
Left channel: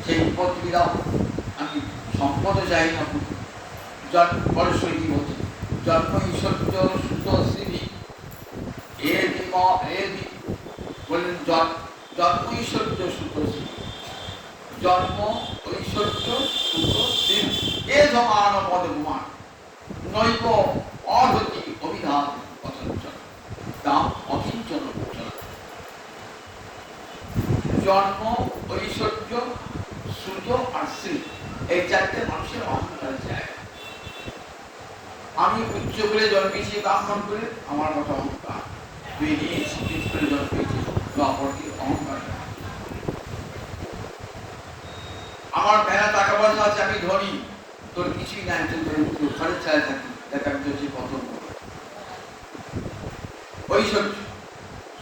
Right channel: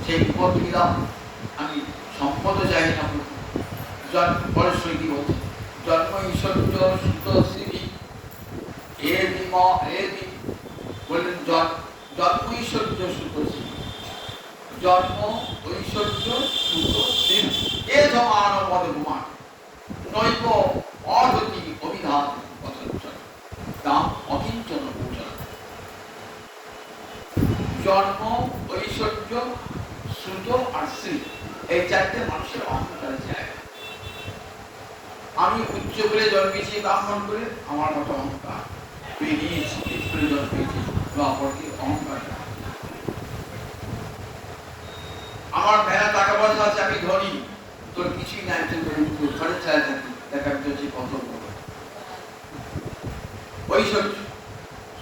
সেই বিপদটি দাও। আমি সম্পদ চাই না, জন্ম পরশ্বরী বলছে জন্ম ঈশ্বর্য সুত শ্রী এর বললেন জন্ম ঈশ্বর্য সুত শ্রী, জন্ম ঐশ্বর্য সুত শ্রী এ ধমান পদমান নৈব অহতি অভিধান কথাঞ্চল দাম অকিঞ্চন। জন্ম ঐশ্বর্য সুত আর শ্রী এই চারটে মানুষের অহংকার জায়গা। আমি উচ্চ করে জন্মেছি ব্রাহ্মণ করে আমার মতো অহংকার, তুই নিয়েছি করে জন্মেছি অপরকে অহংকার। আমার মেলা টাকা পয়সা আছে, আমি ধনী, তোর কিছুই নাই, তুই ঘরের চায় থাকি, দেখা যাচ্ছে কত ঐশ্বর্য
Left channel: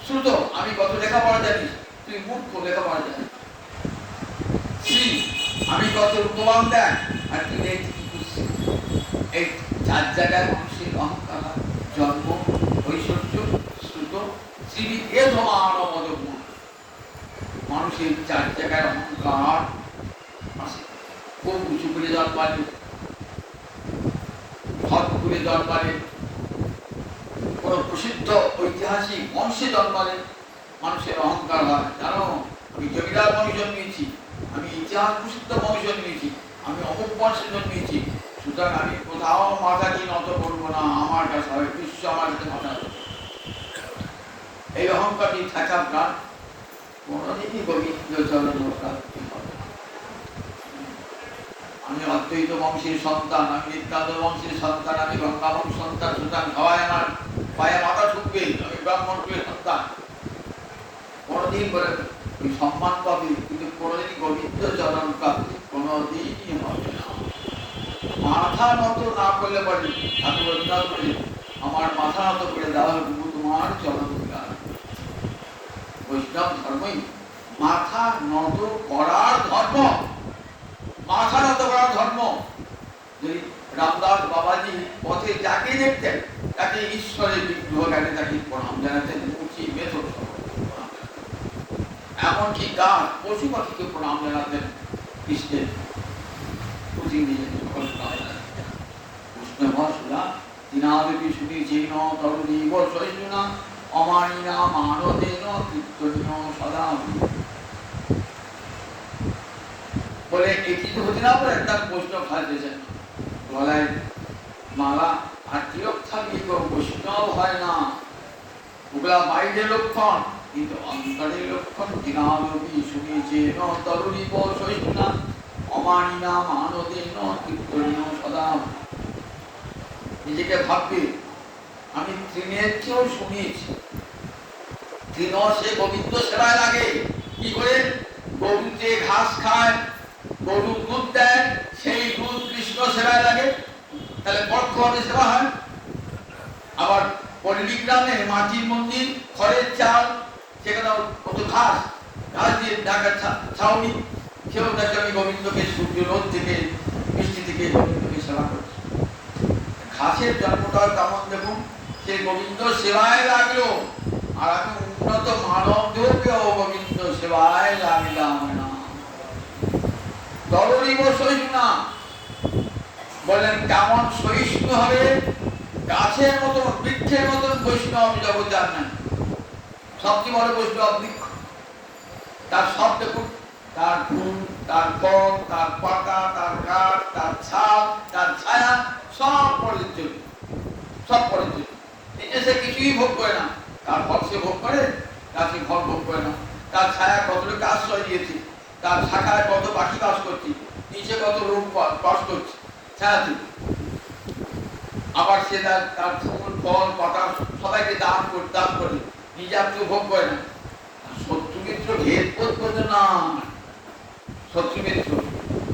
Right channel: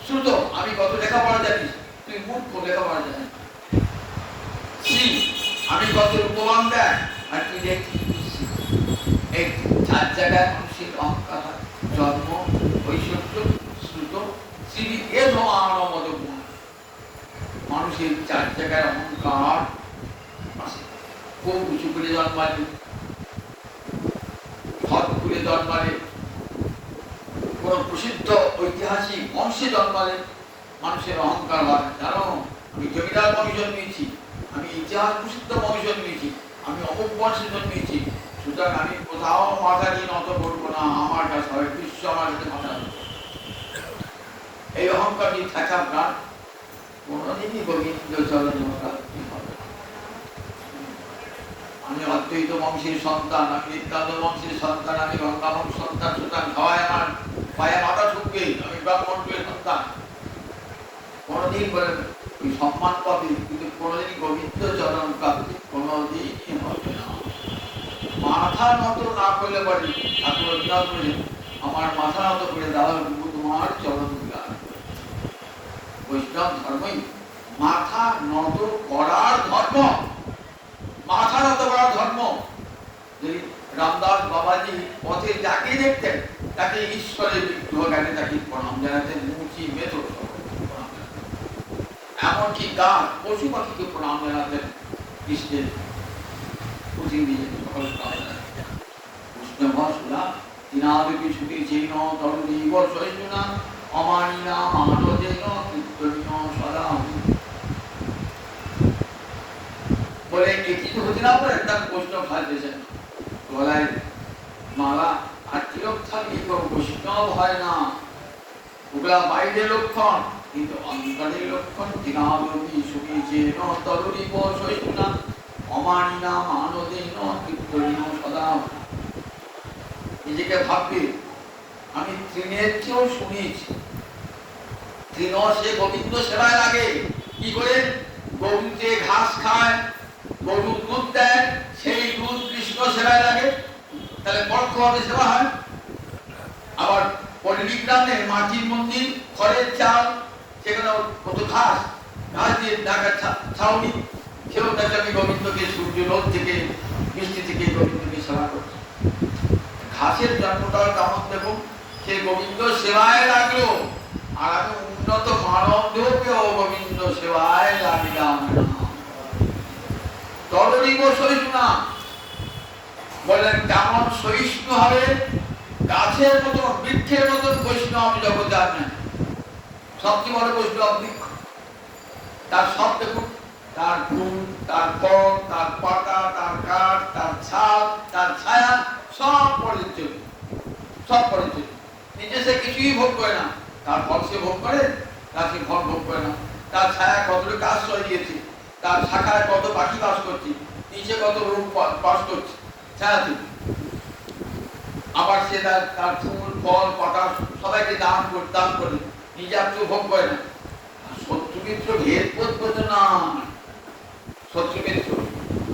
শ্রুত আমি কত লেখাপড়া জানি, তুই মূর্খ লেখাপড়া জানি। শ্রী আমি কত রূপবান দেয় আর তুই দেখি এই চার জায়গায় মানুষের অহংকার, জন্ম ঐশ্বর্য শ্রুত শ্রী এ ধমান মদন, মানুষের চার জায়গায় অহংকার। খুব উঁচু করে জন্মালে, ঘর করে জন্মালে, কোন প্রসিদ্ধ ঐতিহাসিক বংশে জন্মালে মানুষের অহংকার হয়। জানো আমি জমিদার বংশে জন্মিয়েছি, আমি ইতিহাস প্রসিদ্ধ বংশে জন্মিয়েছি, আমি অমুক বংশে জন্মিয়েছি, সুতরাং আমি কোথাও মাথা দিয়ে নত করবো না, আমার কাছে হয় বিশ্ব আমার কাছে মাথা রাখবো। এই অহংকার থাকা প্রাণ কোনদিনই গোবিন্দ চরণ প্রাপ্তি হবে। আমি অদ্বৈত বংশের সন্তান, আমি নিত্যানন্দ বংশের সন্তান, আমি গঙ্গা বংশ সন্তান, সুতরাং সবাই আমার পায়ে মাথা ঠুকবে, আমি ব্রাহ্মণ কুলের সন্তান। কোনদিন বলে তুই সম্মান পাবি, কিন্তু কোনদিন গোবিন্দ চরণ প্রাপ্তি কোনদিনই হবে না। মাথা নত না করলে পারি, ঠাকুর অভিনয় করে আমার মাথা নত করে দেওয়া গুরু তোমার চরণ বিরাজ। বৈষ্ণব ধর্মই মাথা নত করার ধর্ম, মাথা নত করার ধর্ম। রামদাস বাবাজি পথে যাকে দেখতেন তাকে ঈশ্বরের বিগ্রহ জ্ঞানে তাকে প্রণাম জানাতেন, মুচি মেথর এমনকি গাছ পশু পাখিকে প্রণাম জানাতেন কৃষ্ণের পুঁথি দিয়ে। কৃষ্ণ ভাষা তিনাবি সুখী জীর্ণ তরুণীব সহিষ্ণুনা অমানিনা মানদেন কীর্তনীয় সদা। বলে এটি তো হতে না পারে, একটা বৈষ্ণব সাজতেছেন গলায় মালা আর তিলক থাকলে বৈষ্ণব হয় না, ওটা বাইরের লক্ষণ, কিন্তু অন্তরের লক্ষণ। দিনাবি সুখী জীর্ণ তরুণীব সহিষ্ণুনা অমানিনা মানদেন কীর্তনীয় সদা। নিজেকে ভাববে আমি তৃণের চেয়েও শুনিয়েছি, তৃণ সে গোবিন্দ সেবায় লাগে। কি করে? গরুতে ঘাস খায়, গরু দুধ দেয়, সেই দুধ কৃষ্ণ সেবায় লাগে, তাহলে পরোক্ষভাবে সেবা হয়। আবার পল্লীগ্রামে মাটির মন্দির, খড়ের চাল, সেখানে কত ঘাস, ঘাস দিয়ে ঢাকা ছাউনি, কেউ দেখে আমি গোবিন্দকে সূর্য রোদ থেকে বৃষ্টি থেকে গোবিন্দকে সেবা করছি। ঘাসের জন্মটাও কেমন দেখুন, সে গোবিন্দ সেবায় লাগলো, আর আমি উন্নত মানবদেরকেও গোবিন্দ সেবায় লাগিলাম না। তরুণীব সহিষ্ণু বললেন কেমন সহিষ্ণু হবে? গাছের মতন বৃক্ষের মতন বৈষ্ণব জগতে আর নেই। সবচেয়ে বড় বৈষ্ণব বৃক্ষ, তার সব দেখুন, তার ফুল, তার ফল, তার পাতা, তার কাঠ, তার ছাল, তার ছায়া, সব পরিচিত, সব পরিচিত। নিজে সে কিছুই ভোগ করে না, তার ফল সে ভোগ করে, তার সে ফল ভোগ করে না। তার ছায়া কতটুকু আশ্রয় দিয়েছে, তার শাখায় কত পাখি বাস করছে, নিচে কত রূপ বাস করছে ছায়াতে। আবার সে তার ফুল ফল পাতা সবাইকে দান করে, নিজে আর কেউ ভোগ করে না। শত্রু মিত্র ভেদ করতে না, শত্রুমিত্র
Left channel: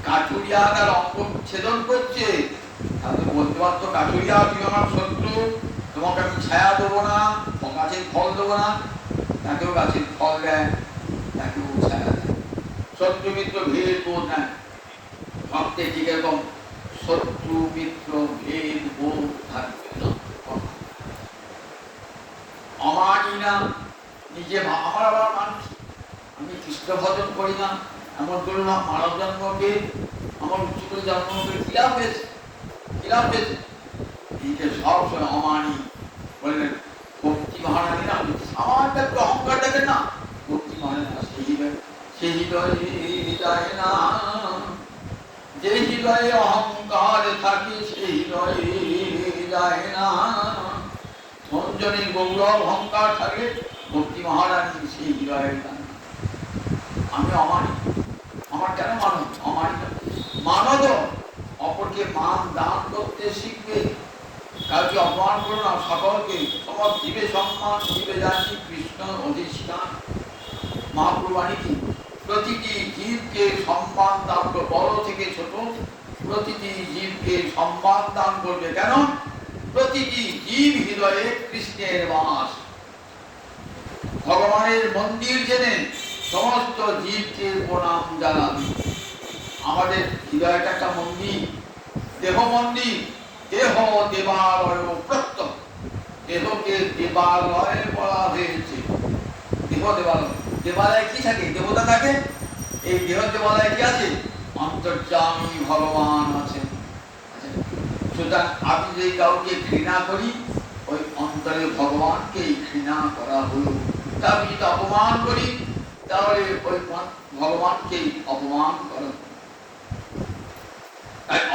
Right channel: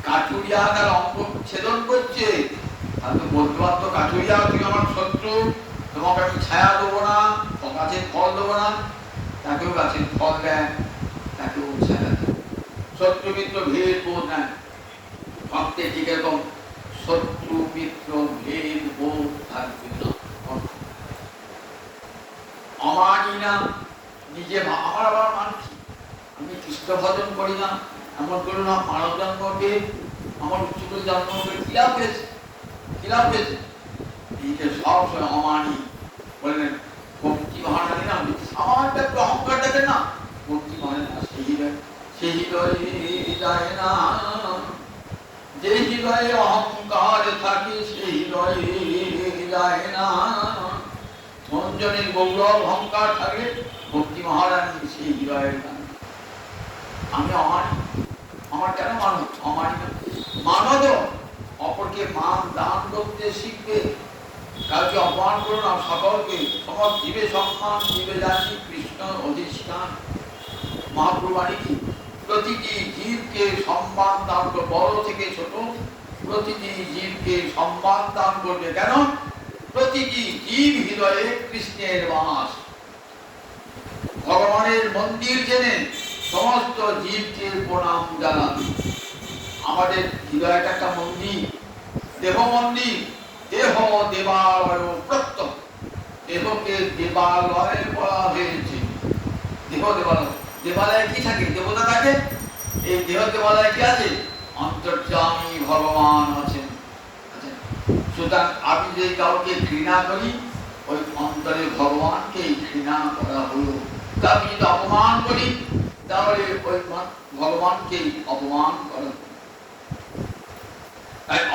কাঠুরিয়া তার অঙ্গ ছেদন করছে, তাহলে বলতে পারতো কাঠুরিয়া তুমি আমার শত্রু, তোমাকে আমি ছায়া দেবো না, গাছের ফল দেবো না। তাকেও গাছের ফল দেয়, তাকেও ছায়া দেয়। শত্রুমিত্র ভেদ বোধ নেয়, ভাবতে ঠিক এরকম শত্রু মিত্র ভেদ বোধ থাকবে না। আমারই না নিজে আমার আবার মানছি, আমি কৃষ্ণ ভজন করি না এমন করে না, মানব জন্মকে আমার উচ্চতর জন্মকে কিলাপ পেয়েছে, কিলাপ পেয়েছে। এইটা সবসময় অমানি বললেন ভক্তি মহারানী না, সামান্য একটু অহংকার দেখেন না, ভক্তি মহারানী না, সেই হৃদয়ে না, যে হৃদয়ে অহংকার থাকে সেই হৃদয়ে হৃদয় না। মঞ্জনের গৌরব অহংকার থাকে, ভক্তি মহারানী সেই হৃদয়ে না। আমি অমানি, আমার কেন মানো? অমানি মানব অপরকে মান দান করতে শিখবে, কাউকে অপমান করো না, সকলকে সব জীবে সম্মান, জীবে জানি কৃষ্ণ অধিষ্ঠান। মহাপুরবাণী কি? প্রতিটি জীবকে সম্মান দান করবে, বড় থেকে ছোট প্রতিটি জীবকে সম্মান দান করবে। কেন? প্রতিটি জীব হৃদয়ে কৃষ্ণের বাস। ভগবানের মন্দির জেনে সমস্ত জীবকে প্রণাম জানাবি। আমাদের হৃদয়টা একটা মন্দির, দেহ মন্দির, দেহ দেবালয় প্রত্যম, দেহকে দেবালয় বলা হয়েছে। দেহ দেবালয়, দেবালয়ে কি থাকে? দেবতা থাকে। এই দেহ দেবালয়ে কি আছে? অন্তর্যামী ভগবান আছেন। সুতরাং আমি যে কাউকে ঘৃণা করি, ওই অন্তরে ভগবানকে ঘৃণা করা হলো। আমি যদি অপমান করি, তাহলে ওই ভগবানকে অপমান করা।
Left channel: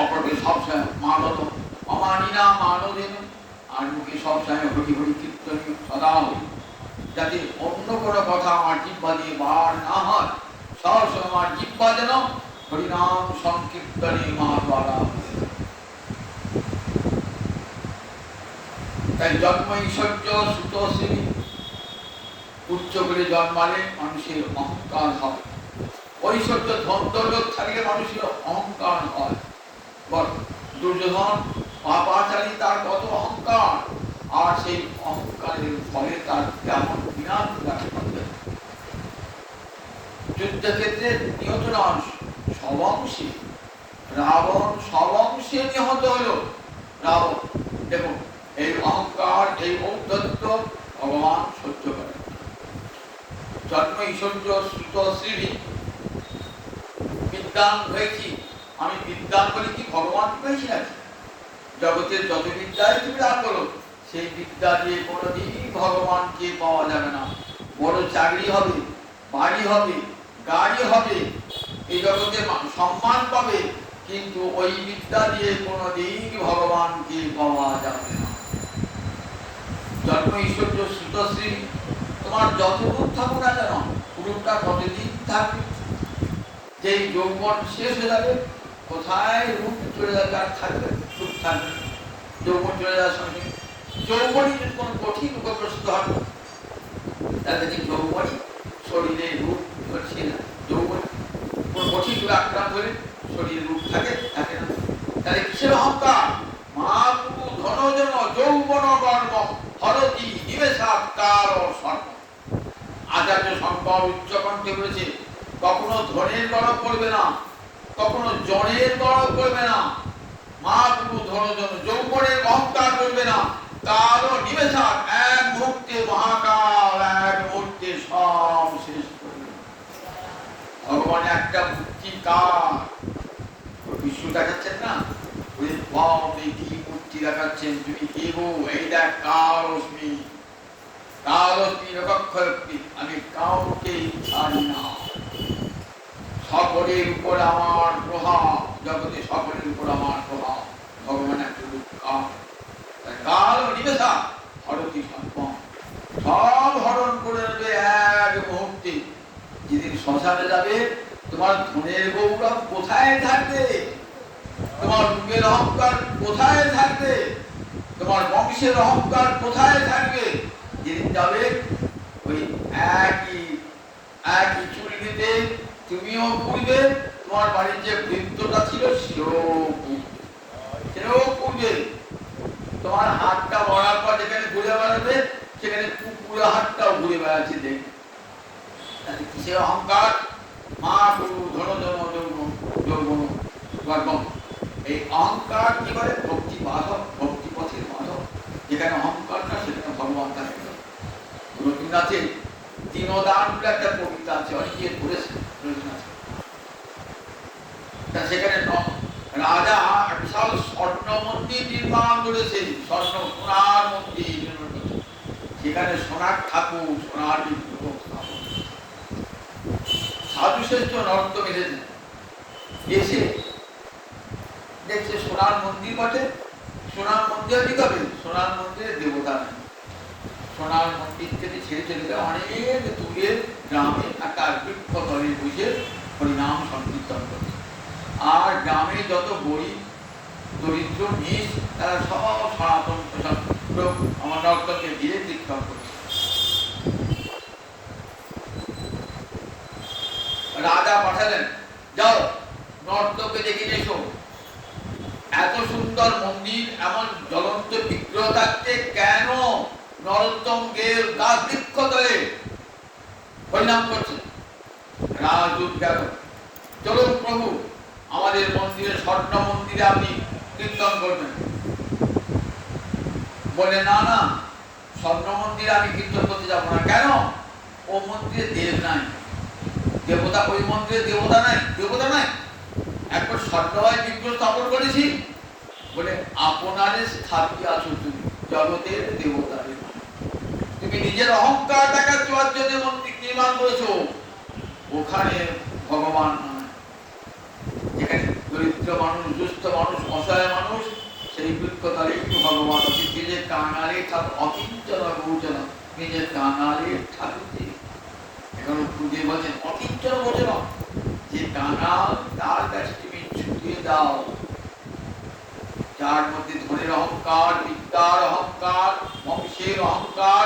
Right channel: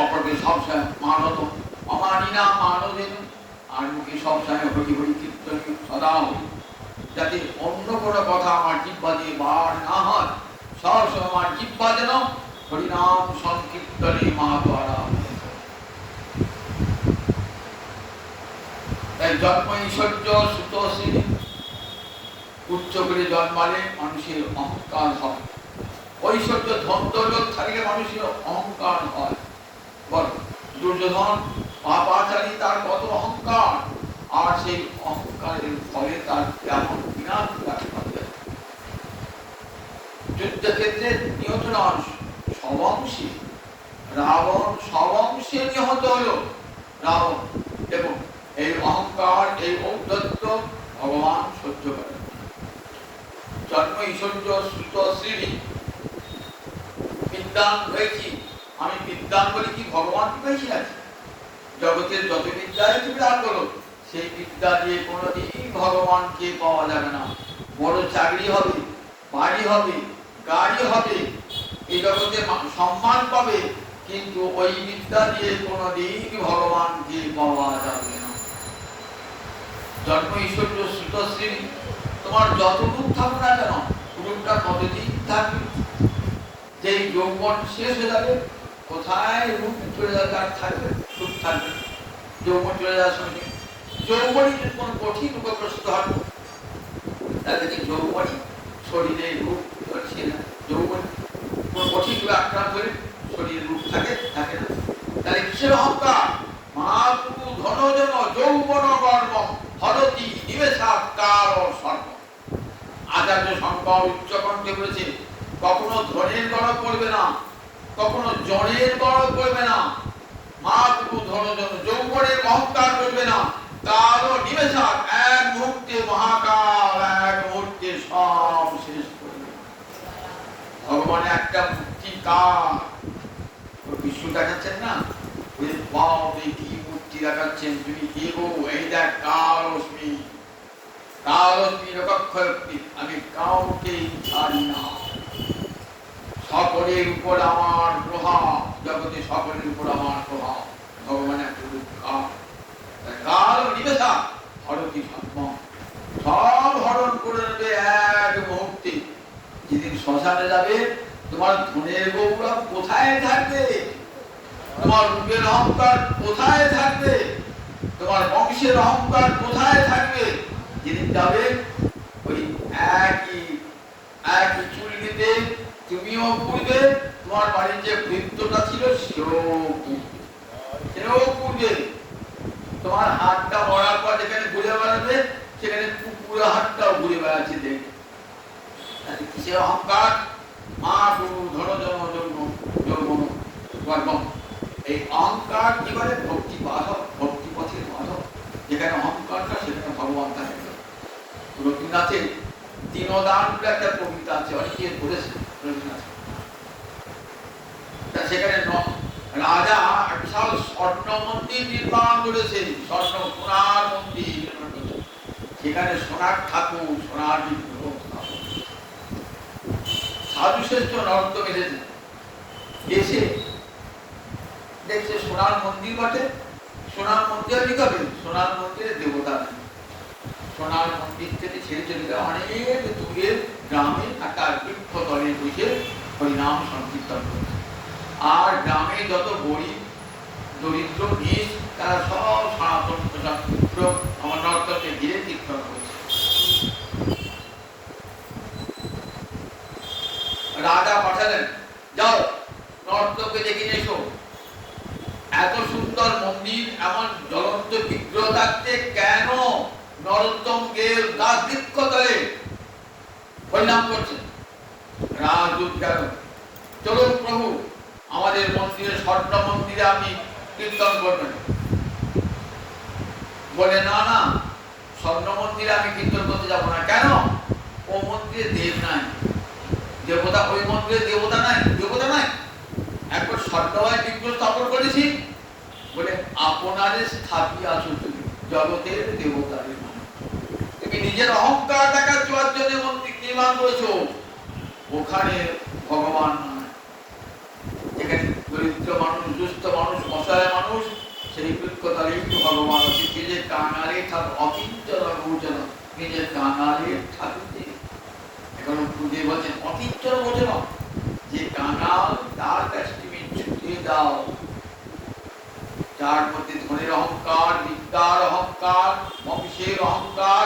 অপরকে সবসময় মানত, অমানি না মানো যেন, আর মুখে সবসময় হরি হরি কীর্তন সদা হরি, যাতে অন্য কোনো কথা আমার জিহ্বা দিয়ে বার না হয়। সবসময় আমার জিহ্বা যেন হরিনাম সংকীর্তনে মা দ্বারা। তাই জন্ম ঐশ্বর্য সুতোষী, উচ্চ করে জন্মালে মানুষের অহংকার হয়। ঐশ্বর্য ধৈর্য থাকলে মানুষের অহংকার হয়। দুর্যোধন পাপাচারী, তার কত অহংকার, আর সেই অহংকারের ফলে তার কেমন বিনাশ ঘটে। যুদ্ধক্ষেত্রে নিহত নন, সবংশী রাবণ, সবংশে নিহত হল রাবণ। দেখুন এই অহংকার, এই ঔদ্ধত্য ভগবান সহ্য করে। জন্ম ঐশ্বর্য সুত শ্রী, বিদ্যান হয়েছি আমি, বিদ্যান বলি কি ভগবান হয়েছি নাকি? জগতের যত বিদ্যায় তুমি লাভ করো, সেই বিদ্যা দিয়ে কোনোদিন ভগবানকে পাওয়া যাবে না। বড় চাকরি হবে, বাড়ি হবে, গাড়ি হবে, এই জগতে সম্মান পাবে, কিন্তু ওই বিদ্যা দিয়ে কোনোদিন ভগবানকে পাওয়া যাবে না। জন্ম ঐশ্বর্য সুতশ্রী, তোমার যত রূপ থাকুক না কেন, রূপটা কতদিন থাকবে? যে যৌবন শেষ হয়ে যাবে, কোথায় রূপ চলে যাবে, আর থাকবে? রূপ থাকবে, যৌবন চলে যাওয়ার সঙ্গে। যৌবনই যদি কোনো কঠিন রোগগ্রস্ত হবে, তাহলে যে যৌবনই শরীরে রূপ করছে না, যৌবন কোন কঠিন রোগে আক্রান্ত হলে শরীরে রূপ থাকে, থাকে না। তাহলে কিসের অহংকার? মাতৃ ধনজন যৌবন গর্ব হরতি নিবেশাৎ কাল সর্ব। আচার্য শঙ্কর উচ্চকণ্ঠে বলেছে, কখনো ধনের গর্ব করবে না, কখনো জনের গর্ব করবে না, মাতৃ ধনজন যৌবনের অহংকার করবে না। কাল নিবেশাৎ, এক মুহূর্তে মহাকাল, এক মুহূর্তে সব শেষ করবে। ভগবান একটা মুক্তি কাল বিশ্ব দেখাচ্ছেন না, কি মুক্তি দেখাচ্ছেন, তুমি দেব এই দেখ কালস্মি, কালস্মি রক্ষী, আমি কাউকে ছাড়ি না। সকলের উপর আমার প্রভাব, জগতে সকলের উপর আমার প্রভাব। ভগবান একটা কাল নিবেশা হরতি সম্মান, সব হরণ করে নেবে এক মুহূর্তে। যেদিন শ্মশানে যাবে, তোমার ধনের গৌরব কোথায় থাকবে? তোমার রূপের অহংকার কোথায় থাকবে? তোমার বংশের অহংকার কোথায় থাকবে? যেদিন যাবে ওই একই চুল নিতে তুমিও পুড়বে, তোমার বাড়ির যে বৃত্তটা ছিল সেও পূর্বে তোমার হাতটা মরার পর যেখানে ঘুরে বেড়াবে সেখানে কুকুরের হাতটাও ঘুরে বেড়াচ্ছে যে কিসের অহংকার মা গুরু ধরো এই অহংকার এবারে ভক্তি বাধক ভক্তি পথের বাধক যেখানে অহংকার না সেখানে ভগবান থাকে রবীন্দ্রনাথের দীনদান বলে একটা কবিতা আছে অনেকে বলেছে রবীন্দ্রনাথ সেখানে রাজা বিশাল স্বর্ণ মন্দির নির্মাণ করেছে স্বর্ণ সোনার মন্দির সেখানে সোনার ঠাকুর সোনার বিগ্রহ সাধু শ্রেষ্ঠ নর্তক এসেছে এসে দেখছে সোনার মন্দির বটে সোনার মন্দির কি হবে সোনার মন্দিরে দেবতা নেই সোনার মন্দির থেকে ছেড়ে চলে যায় অনেক দূরের গ্রামে একটা বৃক্ষ তলে বসে হরিনাম সংকীর্তন করছে আর গ্রামে যত গরিব দরিদ্র নিজ তারা সব সনাতন আমার নর্তকে গিয়ে কীর্তন করছে রাজা পাঠালেন যাও নর্তকে দেখে এসো এত সুন্দর মন্দির এমন জ্বলন্ত বিগ্রহ থাকতে কেন নরোত্তম গেল গাছ বৃক্ষ তলে হরিনাম করছে রাজদূত গেল চলো প্রভু আমাদের মন্দিরে স্বর্ণ মন্দিরে আপনি কীর্তন করবেন বলে না না স্বর্ণ মন্দিরে আমি কীর্তন করতে যাবো না কেন ও মন্দিরে দেব নাই দেবতা ওই মন্দিরে দেবতা নাই একবার স্বর্ণময় বিগ্রহ স্থাপন করেছি বলে আপনারে স্থাপিত আছো তুমি জগতের দেবতাদের তুমি নিজের অহংকার দেখার জন্য মন্দির নির্মাণ করেছো ওখানে ভগবান নয় যেখানে দরিদ্র মানুষ দুস্থ মানুষ অসহায় মানুষ সেই বৃক্ষতারে একটু ভগবান আছে যে কাঙালে অকিঞ্চন গোচর নিজের কাঙালে ঠাকুর এখন পুজো বলছেন অকিঞ্চন গোচর যে কাঙাল তার কাছে তুমি ছুটিয়ে দাও যার মধ্যে ধনের অহংকার বিদ্যার অহংকার বংশের অহংকার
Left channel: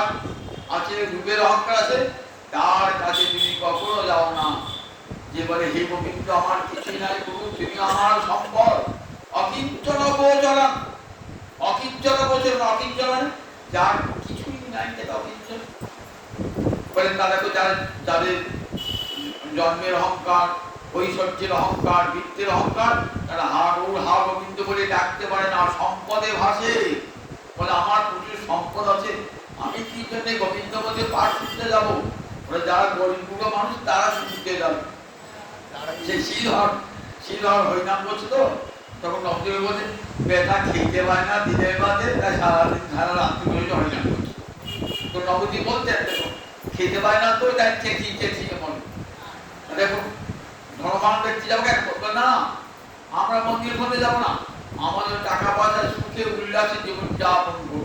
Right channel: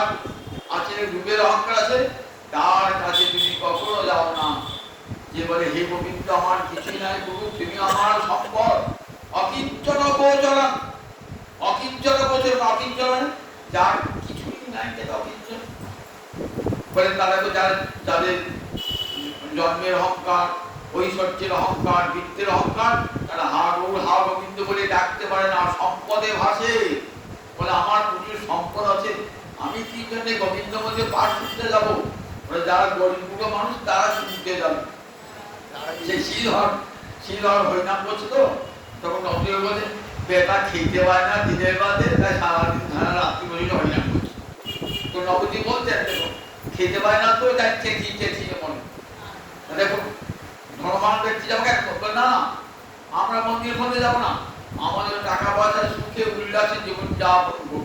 আছে রূপের অহংকার আছে তার কাছে তুমি কখনো যাও না যে বলে হে গোবিন্দ আমার কিছুই নাই গুরু তুমি আমার সম্পদ অকিঞ্চন গোচর অকিঞ্চন যার কিছুই নাই যেটা অকিঞ্চন বলেন তারা তো যাদের জন্মের অহংকার ঐশ্বর্যের অহংকার বৃত্তের অহংকার তারা হা গোবিন্দ বলে ডাকতে পারে না সম্পদে ভাসে বলে আমার প্রচুর সম্পদ আছে আমি কি জন্য গোবিন্দ বলতে পাঠ শুনতে যাবো বলে যারা গরিব মানুষ তারা শুনতে যাবে সে শ্রীধর হরিনাম করছে তো তখন অন্তরে বলছে বেটা খেতে পায় না দিনের বাদে তাই সারাদিন সারা রাত্রি বসে হরিনাম করছে তো নবদ্বীপ বলছে খেতে পায় না তো তাই চেঁচিয়ে মনে দেখুন ধর্মমান ব্যক্তি যাবো না আমরা মন্দির ফলে যাবো না আমাদের টাকা পয়সা সুখে উল্লাসে জীবন যাপন করবো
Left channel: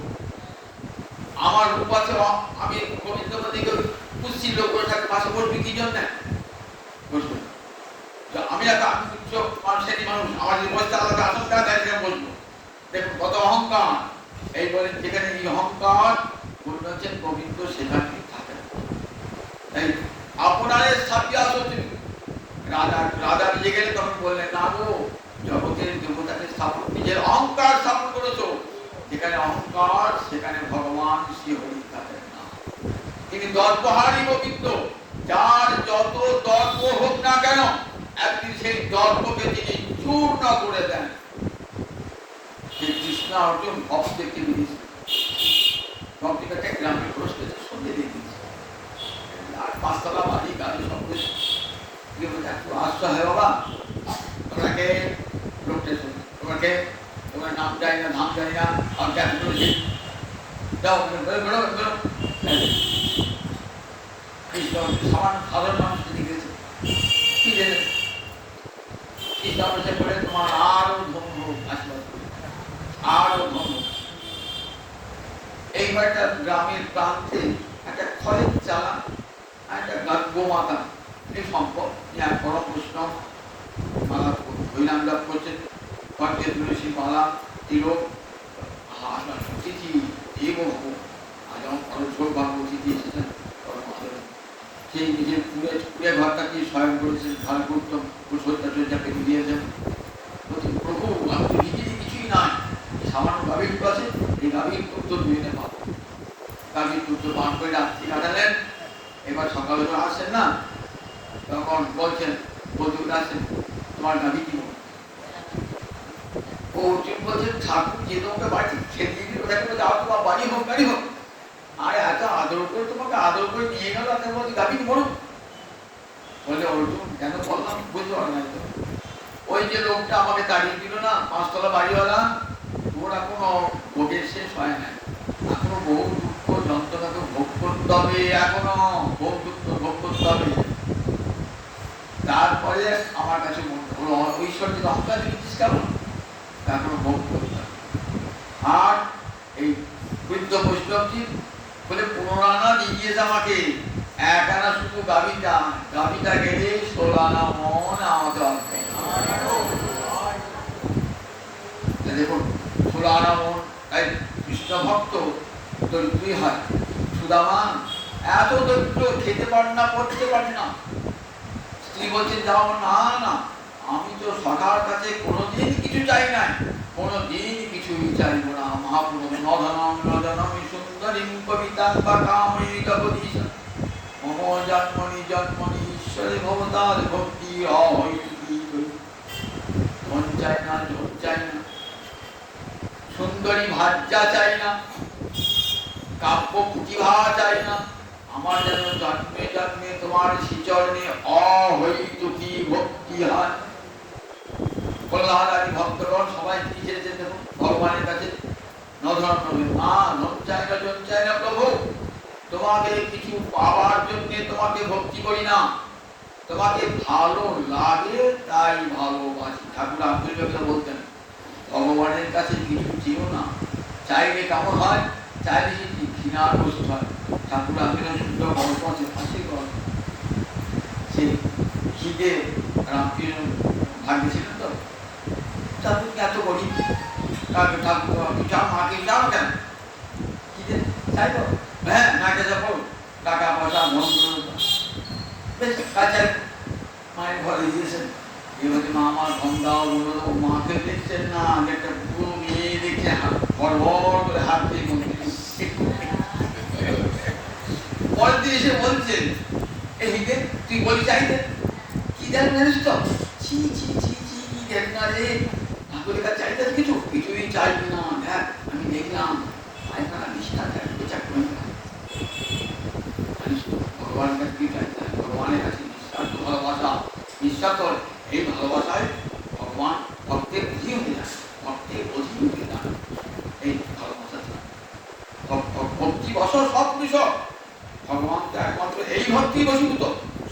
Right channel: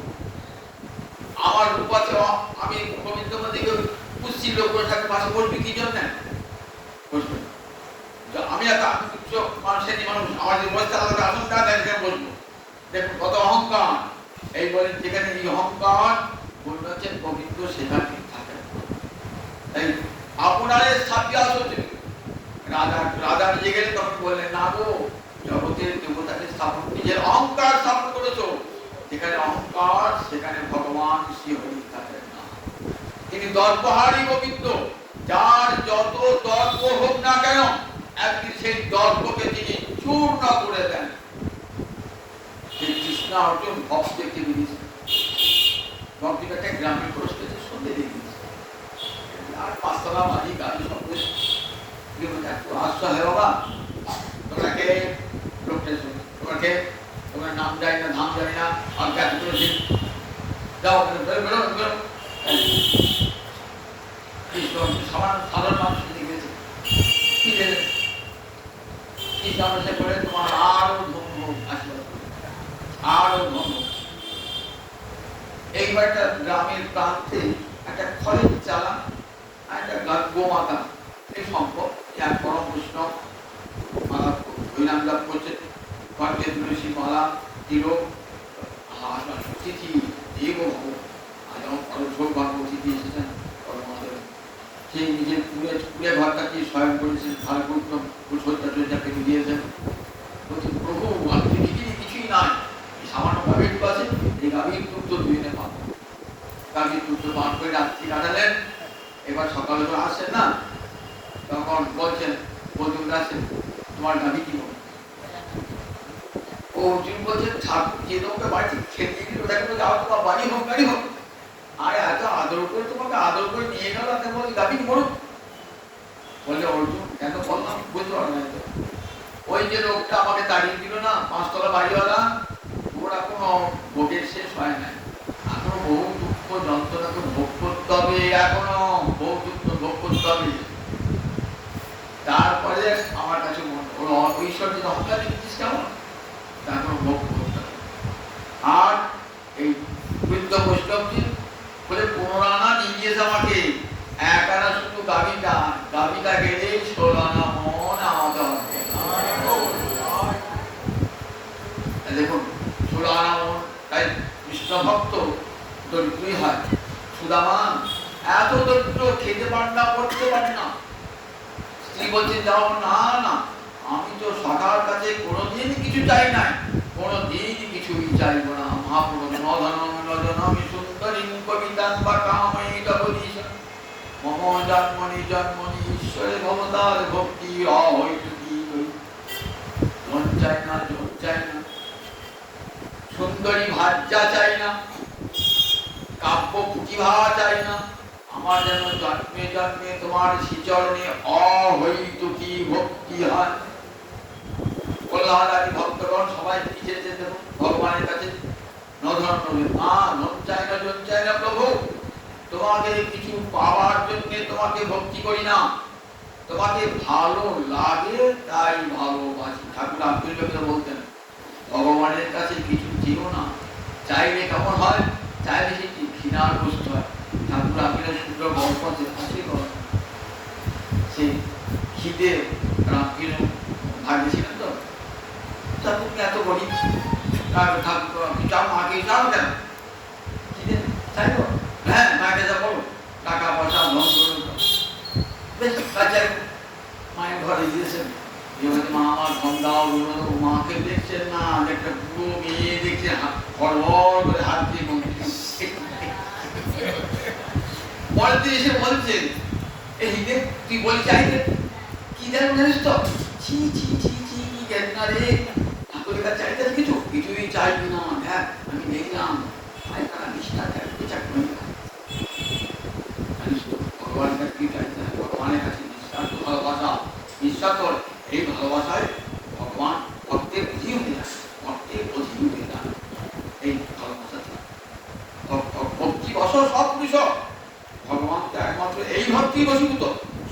আমার রূপ আছে আমি গোবিন্দ মন্দিরকে পুষ্টি লোক করে থাকে পাশে বসবি কি জন্য বুঝলো আমি একটা উচ্চ মানুষের মানুষ আমাদের বসতে আলাদা আসন থাকে বসবো দেখুন কত অহংকার এই বলেন যেখানে এই অহংকার বলছেন গোবিন্দ সেখানে থাকে তাই আপনাদের সাথে আসো তুমি রাজা নিয়ে গেলে তখন বললেন না গো জগতের দেবতাকে স্থাপন নিজের অহংকার স্থাপন করেছো যেখানে অহংকার সেখানে ভগবান শ্রী হরি থাকেন না তিনি দর্পহারী গোবিন্দ যার যত দর্প হোক না কেন একদিন সেই দর্পকে তিনি চূর্ণ করে দেন সেই কৃষ্ণ অর্জুন ভক্ত দেখতে দিয়েছে ভক্তি একটা গ্রামে প্রশ্ন সন্ধ্যে দেখি আর পাঁচতলা বাড়ি গাড়ি সব একটু আশ্চর্য হয় বাবা তোমাকে লোকটা তোমার নাম জানি না নাম জানি না আমি চাকরি করেছি যাও কৃষ্ণ সাধারণ মানুষ লিখেছে কি জানি কৃষ্ণ করে তোমার আরো ধন্য আশীর্বাদ আরো ধন্য এইবার একটা গ্রামের প্রান্তে একটা খড়ের চালা একটা গোমাতা এই সম্পদ এক বড় বৈষ্ণব মালা হরিনাম লাভ করছে কণ্ঠে তুলসী মালা তিলক তিথি দেব তিথি এসেছেন সেই নিজের পুড়ে ঘরটাকে স্বয়ং করেছেন ভালো করতেন পেতে দিয়েছেন। প্রভু আমি তো নিজেরই কিছুই নাই, সামান্য গাভীর পাশে এই গাভীর দুধ দুই নেওয়া, গাভীর দুধ পান করে রাত্রি কাটালেন। এবার সকালে তো আসেন না, তখন বলছেন প্রচুর আসেন তোমার গাভী কি বলে? ও অর্জুন বলছেন ঠাকুর যে তোমাকে বাড়ি খেতে দিতে যাও, তোমার বাড়ি হোক গাড়ি হোক, আর এত আদর করে তোমাকে আদর করে নিয়ে গেল, গাভী বলুক। বলে অর্জুন কেন বললাম বুঝতে পারো না, ওই যে লোকটা আমাকে তাড়িয়ে দিল না 5 তলা বাড়িওয়ালা, ওরা কোনো ভোগের শেষ হয় না, এখনো বহু দুঃখ যন্ত্রণাকে ভোগ করতে হবে, এখনো বহু দুঃখ ভোগ করতে হবে। তারপরে আমার কাছে ঐশ্বর্যের অহংকার দেখেছিস কেমন, তারপর ভোগ করতে হবে। আর এই বৃদ্ধ বৈষ্ণবজি বলে 15 আনা দিয়ে দিয়েছে আমাকে, 1 আনা শুধু গাভীটা গেলে 16 আনা মন আমাদের হবে। দেখুন 16 আনা মন, তাই কৃষ্ণ ভক্ত দরিদ্রই হয়। সুদামান এত দরিদ্র, খেতে পারে না, পড়তে পারে না। স্ত্রী বলছে যাও না না, আমি তো সখার কাছে কোনোদিন কিছু চাই নাই, কোনোদিন কিছুই চাইব না। মহাপুরুষ নধনম নজনমি সুন্দরীম কবিতাং বা কামে জগদীশ মম জন্মনি জন্মনি ঈশ্বরে ভবতার ভক্তি অহৈতুকী। মন চাই না, জন চাই না, সুন্দরী ভাজ্যা চাই না, কাব্য প্রতিভা চাই না, আমার যেন জন্মে জন্মে তোমার শ্রীচরণে অহৈতুকী ভক্তি হয়। প্রহ্লাদাদি ভক্তগণ সবাই কি চেয়েছেন ভগবানের কাছে? নধন না, ধন চাই না, জন চাই না প্রভু, তোমাকে কিছু পাওয়ার জন্য তোমাকে ভক্তি করি না, তোমাকে ভালো লাগে তাই ভালোবাসি। ঠাকুর রামকৃষ্ণ বলতেন ভগবানের কাছে কিছু ছিল না, চাইলে কেমন হয়, চাইলে সেটি ঘৃণার বস্তু হয়। ঠাকুর রামকৃষ্ণ সুন্দর গল্প আছে, হাসি করে সে খিদে রামকৃষ্ণ ভাগ্যে ছিলেন তো, ঠাকুর এত করি ঠাকুর চাও মাকে চাও কেন, খিদে চাইব, হ্যাঁ মাকে যাবো, টাকা পয়সা ধন বেশ কাছে মায়ের ঘরে দিয়েছেন। এবারে মা আমার ধন দাও, মাকে দেখছেন না, একটা পুরো মেয়ে দেখছে হড়বড় করে হাত দিয়ে পরের দিন এসে বলছে এই হিন্দে তুই বলি চাইতে কি দেন জানিস তো, ছি ছি ছি ছি দেন না রে, ঠাকুরের কাছে চাইতে কিছু কিছুই চাইবি না, হ্যাঁ আমি দেখলাম পায়খানা নিষ্ঠা চাইতে চাকরি ভগবানের কাছে কি চাইতে, ভগবানের কাছে বিশ্বাস ভালোবাসা, বিশ্বাস কর, এই ভালোবাসায় ভগবান ভক্তের অধীন হয়ে যায়, ভক্তের অধীন হয়ে যায়। এই ভালোবাসা ভক্তি বসর সব বিষয় ভগবান একমাত্র এই ভক্তি বশীভূত,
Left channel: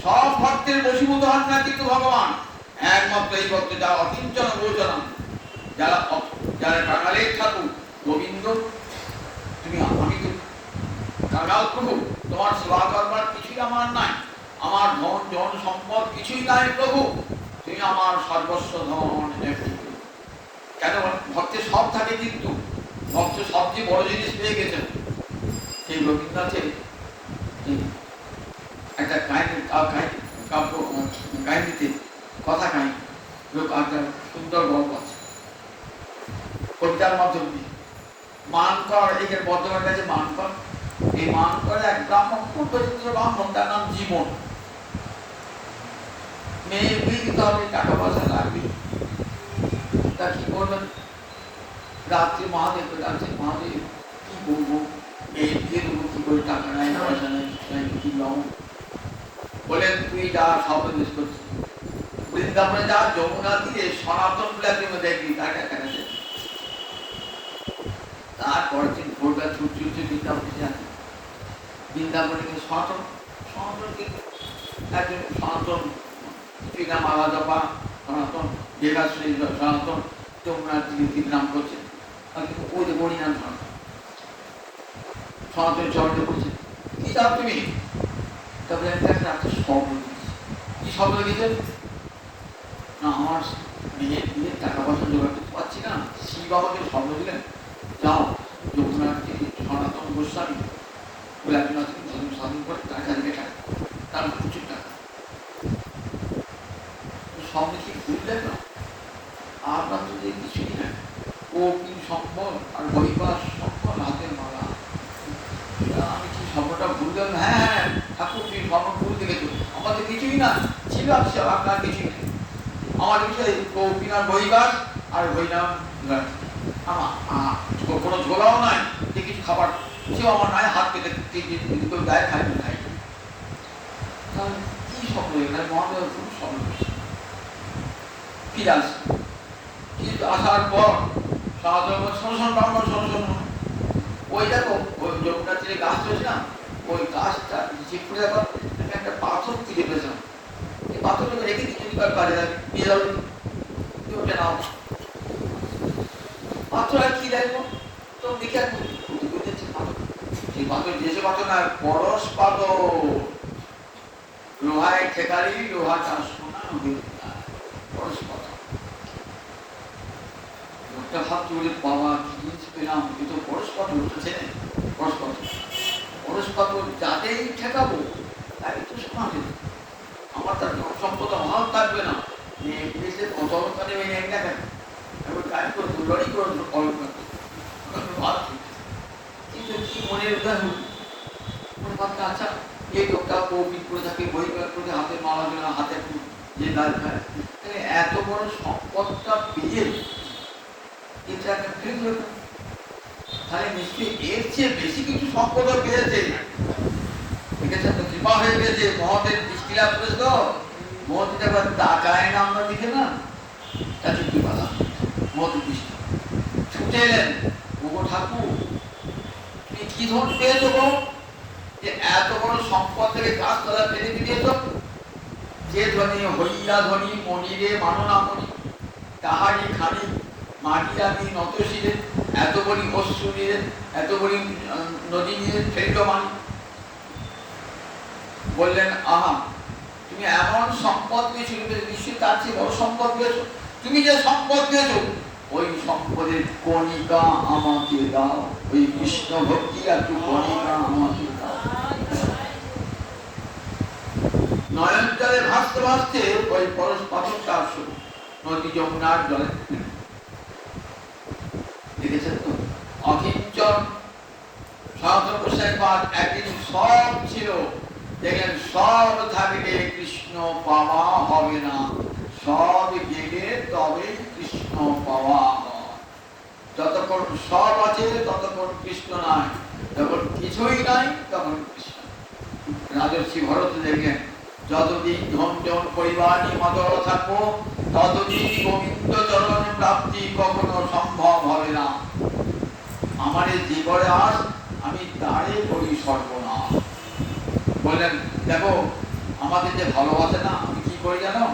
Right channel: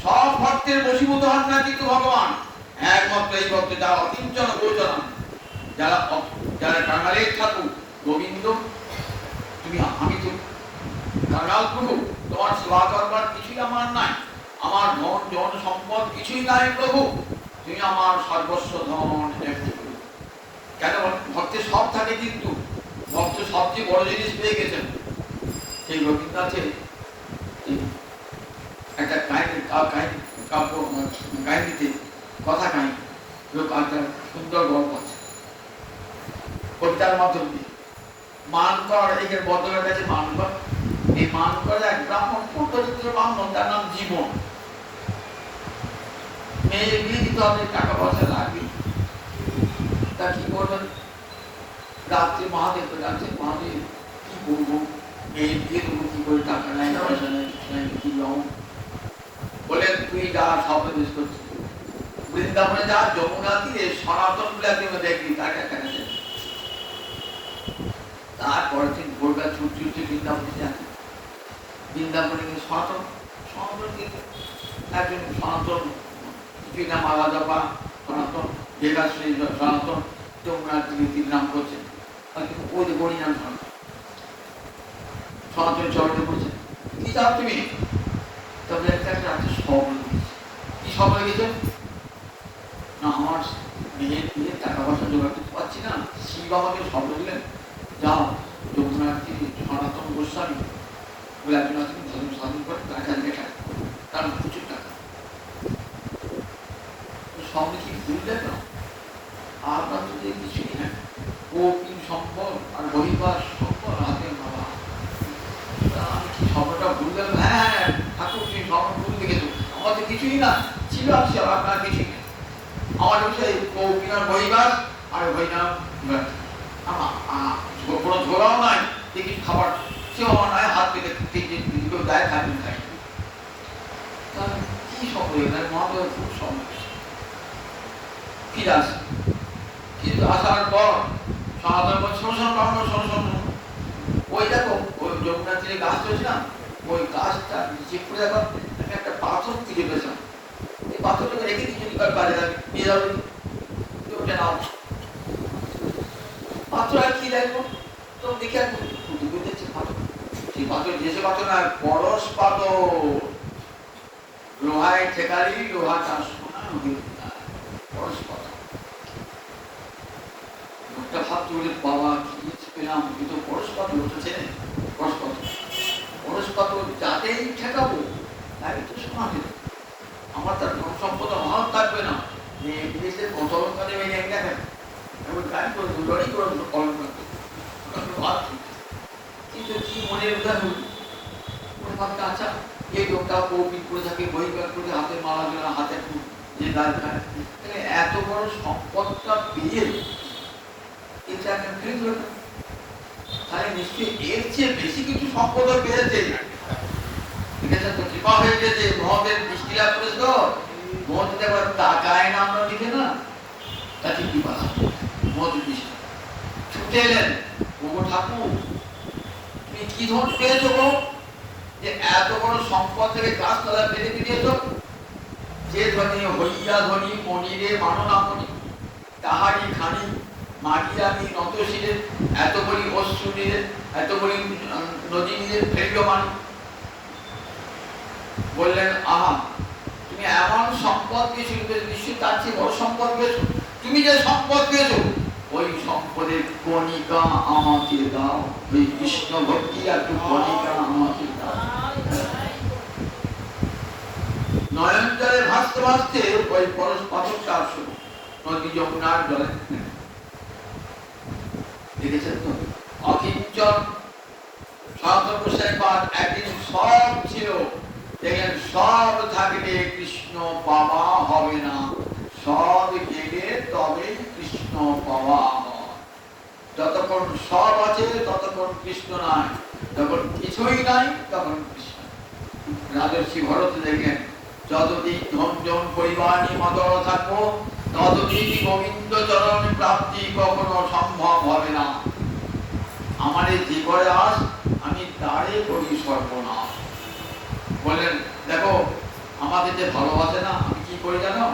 সব ভক্তের বশীভূত হন না কিন্তু ভগবান একমাত্র এই ভক্ত যারা অকিঞ্চন গোচরণ, যারা কাঙালের ঠাকুর গোবিন্দ, তুমি আমি তো কাঙাল প্রভু, তোমার সেবা করবার কিছুই আমার নাই, আমার ধন জন সম্পদ কিছুই নাই প্রভু, তুমি আমার সর্বস্ব ধন একটু। কেন ভক্তের সব থাকে কিন্তু ভক্ত সবচেয়ে বড় জিনিস পেয়ে গেছেন। সেই রবীন্দ্রনাথের একটা কাহিনীতে কথা কাহিনী সুন্দর গল্প আছে, কবিতার মাধ্যমে মানকর এর বর্ধমানের কাছে মানকর, এই মানকর এক ব্রাহ্মণ, দরিদ্র ব্রাহ্মণ, তার নাম জীবন। মেয়ে বিয়ে দিতে হবে, টাকা পয়সা লাগবে, তা কি করবেন? রাত্রে মহাদেব যাচ্ছে, মহাদেব কি করবো, মেয়ে বিয়ে করবো কি করে, টাকা নাই পয়সা নাই কি লম, বলে তুই যা সব দেশ করছিস বৃন্দাবনে যা, যমুনা তীরে সনাতন দেখবি টাকা টাকা। তারপর দিন ভোরটা ছুটি বৃন্দাবনে যাচ্ছে, বৃন্দাবনে সনাতন একজন সনাতন পিতা মালা জপা সনাতন, বেগাশ্রী সনাতন, যমুনা তীরে নাম করছে, ওই যে বড়িনাম সনাতন চরণে বলছে কি চাও তুমি, তবে একটা রাত্রে সব কি সব লেগেছে না, আমার মেয়ের দিয়ে টাকা পয়সা জোগাড় করতে পারছি না, শ্রী বাবাকে সব দিলেন, যাও যমুনা তীরে সনাতন গোস্বামী বলে একজন সাধন করে তার প্রচুর টাকা, স্বামী আপনার তো যে কিছুই না, ও কি সম্পদ আর হরিবাস সম্পদ হাতে মারা। আমি কি স্বপ্নটা ভুললাম? হ্যাঁ হ্যাঁ ঠাকুর তুমি স্বপ্ন ভুল দেখেছো, আমার তো কিছুই না ছিল, আপনার কিছুই নেই। আমার বিষয় কৌপিনার বহিবাস আর হরিনাম কোনো ঝোলাও নাই, যে কিছু খাবার সেও আমার নাই, হাত পেতে ঠিক কেউ দেয় খাবি খাই। কি স্বপ্ন মহাদেব খুব স্বপ্ন ফিরে আসে। কিন্তু আসার পর ওই দেখো ওই যমুনা তীরে গাছ চলছে না, ওই গাছটা চিপড়ে দেখো একটা পাথর তুলে পেয়েছে, এই পাথরটাকে রেখে দিচ্ছি তার কাজে নিয়ে যাবো ওটা নাও। পাথরটা কি দেখবো তো দেখে সেই পাথর যেসব পাথর না পরশ পাথর, লোহায় ঠেকারি লোহাটা সোনা পরশ পাথর। লোকটা ভাবতো যে বাবা কি পেলাম, এ তো পরশ পাথর, লোকটা চেনে পরশ পাথর। পরশ পাথর যাতেই ঠেকাবো তাই তো সোনা হবে, আমার তার সম্পদ ভাব থাকবে না। ইংলিশের কত অলঙ্কারে মেনে দেখেন গাড়ি করে দুবারই করে অলঙ্কার ভাবছি, কিন্তু কি মনে উদাহরণ ভাবটা আচ্ছা এই লোকটা কৌপিক করে থাকে, বহিকার করে হাতে মারা দিল, হাতে যে দাঁড় খায়, তাহলে এত বড় সম্পদটা পেয়ে এটা একটা কেন্দ্র, তাহলে নিশ্চয়ই এর চেয়ে বেশি কিছু সম্পদ পেয়েছে। দেখেছেন তো কৃপা হয়ে গেছে, মহতের দৃষ্টি লাভ করেছে তো, মহতে আবার টাকায় নাম না দিকে না, তাতে কি বলা মহতের দৃষ্টি ছুটে এলেন, ও ঠাকুর তুমি কি ধন পেয়েছো গো, যে এত বড় সম্পদ থেকে গাছতলা পেরে দিয়েছ। যে ধনী হইয়া ধনী মনিরে মাননা মনি, তাহারি খানি মাটি রাখি নত শিরে, এত বড়ি অশ্রু নিরে, এত বড়ি নদী নিরে ফেরিল মানি। বললেন আহা তুমি এমন সম্পদ পেয়েছো, নিশ্চয়ই তার চেয়ে বড় সম্পদ পেয়েছো। তুমি যে সম্পদ পেয়েছো ওই সম্পদের কণিকা আমাকে দাও, ওই কৃষ্ণ ভক্তির একটু কণিকা আমাকে দাও। নয়ন জলে ভাসতে ভাসতে ওই পরশ পাথরটা আসলো নদী যমুনার জলে। দেখেছেন তো অকিঞ্চন সহস্রপাদ একদিন সব ছিল, দেখলেন সব থাকলে কৃষ্ণ পাওয়া হবে না, সব গেলে তবে কৃষ্ণ পাওয়া হয়। যতক্ষণ সব আছে ততক্ষণ কৃষ্ণ নাই, যখন কিছুই নাই তখন কৃষ্ণ। রাজর্ষি ভরত দেখলেন যতদিন ধন পরিবার নিয়ে মদর থাকবো ততদিন গোবিন্দ চরণ প্রাপ্তি কখনো সম্ভব হবে না। আমার এই জীবনে আস আমি তারে করি সর্বনাশ। বললেন দেখো আমাদের যে ভালোবাসে না, আমি কি করি জানো,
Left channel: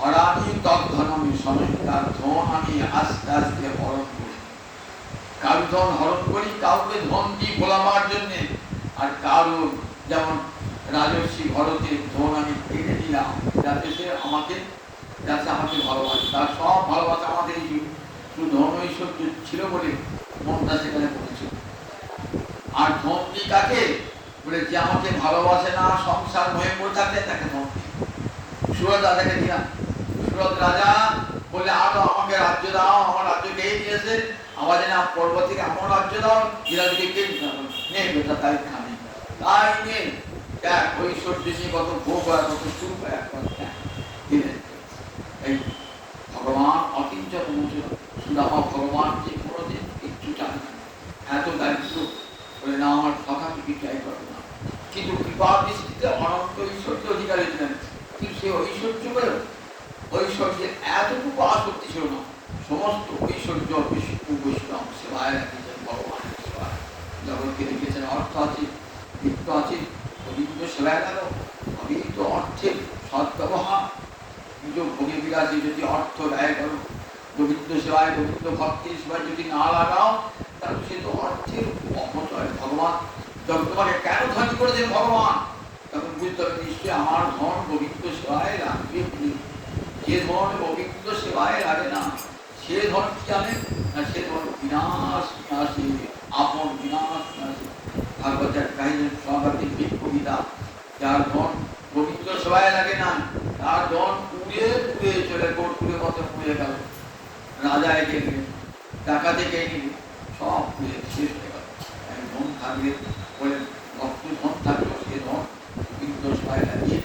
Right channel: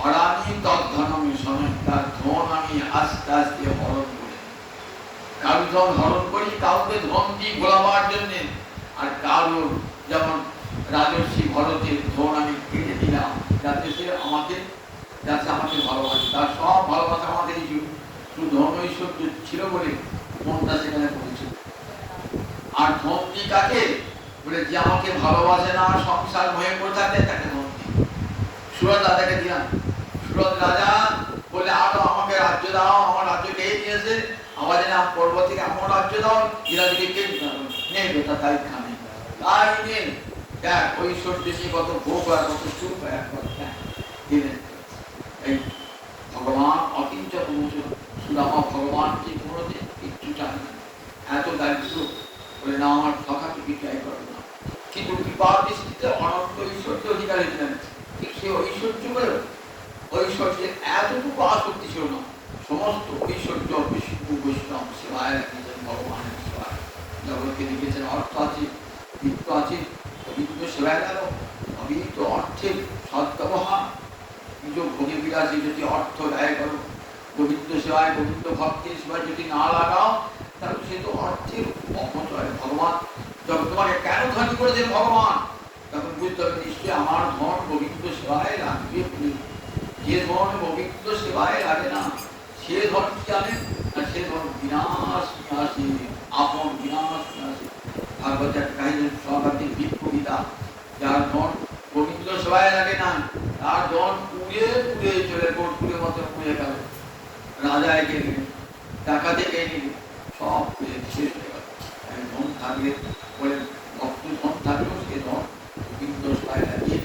হরামি তৎধন মিশনে, তার ধন আমি আস্তে আস্তে হরণ করি। কারো ধন হরণ করি কাউকে ধন দিই ভোলাবার জন্য, আর কারো যেমন রাজর্ষি ভরতের ধন আমি কেটে দিলাম যাতে সে আমাকে ভালোবাসে। তার সব ভালোবাসা আমাদের শুধু ধন ঐশ্বর্য ছিল বলে মনটা সেখানে পৌঁছিল। আর ধন দিই কাকে বলে, যে আমাকে ভালোবাসে না, সংসার হয়ে পড়ে থাকে তাকে ধন দিই। সুরত রাজাকে দিলাম, সুরত রাজা বলে আরো আমাকে রাজ্য দাও, আমার রাজ্য পেয়ে দিয়েছে, আমার যেন পর্ব থেকে আমার রাজ্য দাও, এরাদিকে কে নেই গোটা তাই খানে, তাই নেই ঐশ্বর্য নিয়ে কত ভোগ হয়, কত সুখ হয়, দিলেন। এই ভগবান অকিঞ্চন সুদামা ভগবান যে কোনোদিন কিচ্ছু চান না, এত দায়িত্ব বলে না আমার কথাকে বিক্রয় করে না, কিন্তু কৃপা দৃষ্টিতে অনন্ত ঐশ্বর্য অধিকারী ছিলেন। কিন্তু সে ঐশ্বর্য করে ঐশ্বর্যের এতটুকু আসক্তি ছিল না, সমস্ত ঐশ্বর্য বিষ্ণু বৈষ্ণব সেবায় রাখিয়েছেন ভগবানের সেবায়। জগৎকে লিখেছেন অর্থ আছে, বৃত্ত আছে, গোবিন্দ সেবায় গেল, আমি তো অর্থের সদ্ব্যবহার, কিছু ভোগে বিরাজে যদি অর্থ ব্যয় করো গোবিন্দ সেবায়, গোবিন্দ ভক্তের সেবায় যদি না লাগাও তাহলে সে তো অর্থের অপচয়। ভগবান যখন তোমাকে কেন ধনী করেছেন ভগবান, তখন বুঝতে হবে নিশ্চয়ই আমার ধন গোবিন্দ সেবায় লাগবে। যে ধন গোবিন্দ সেবায় লাগে না সে ধন কি জানেন না, সে ধন বিনাশ বিনাশী, আপন বিনাশ বিনাশী। ভাগবতের কাহিনী সর্বাধিক বিপ কবিতা, যার ধন গোবিন্দ সেবায় লাগে না তার ধন পুড়ে পুড়ে চলে, কর্পূরের মতো পুড়ে গেল। রাজায় কে নিবে, টাকাতে কে নিবে, সব শেষ হয়ে গেল। ধন থাকলে বলে ভক্ত ধন থাকলো, সে ধন গোবিন্দ সহায়তা দিয়ে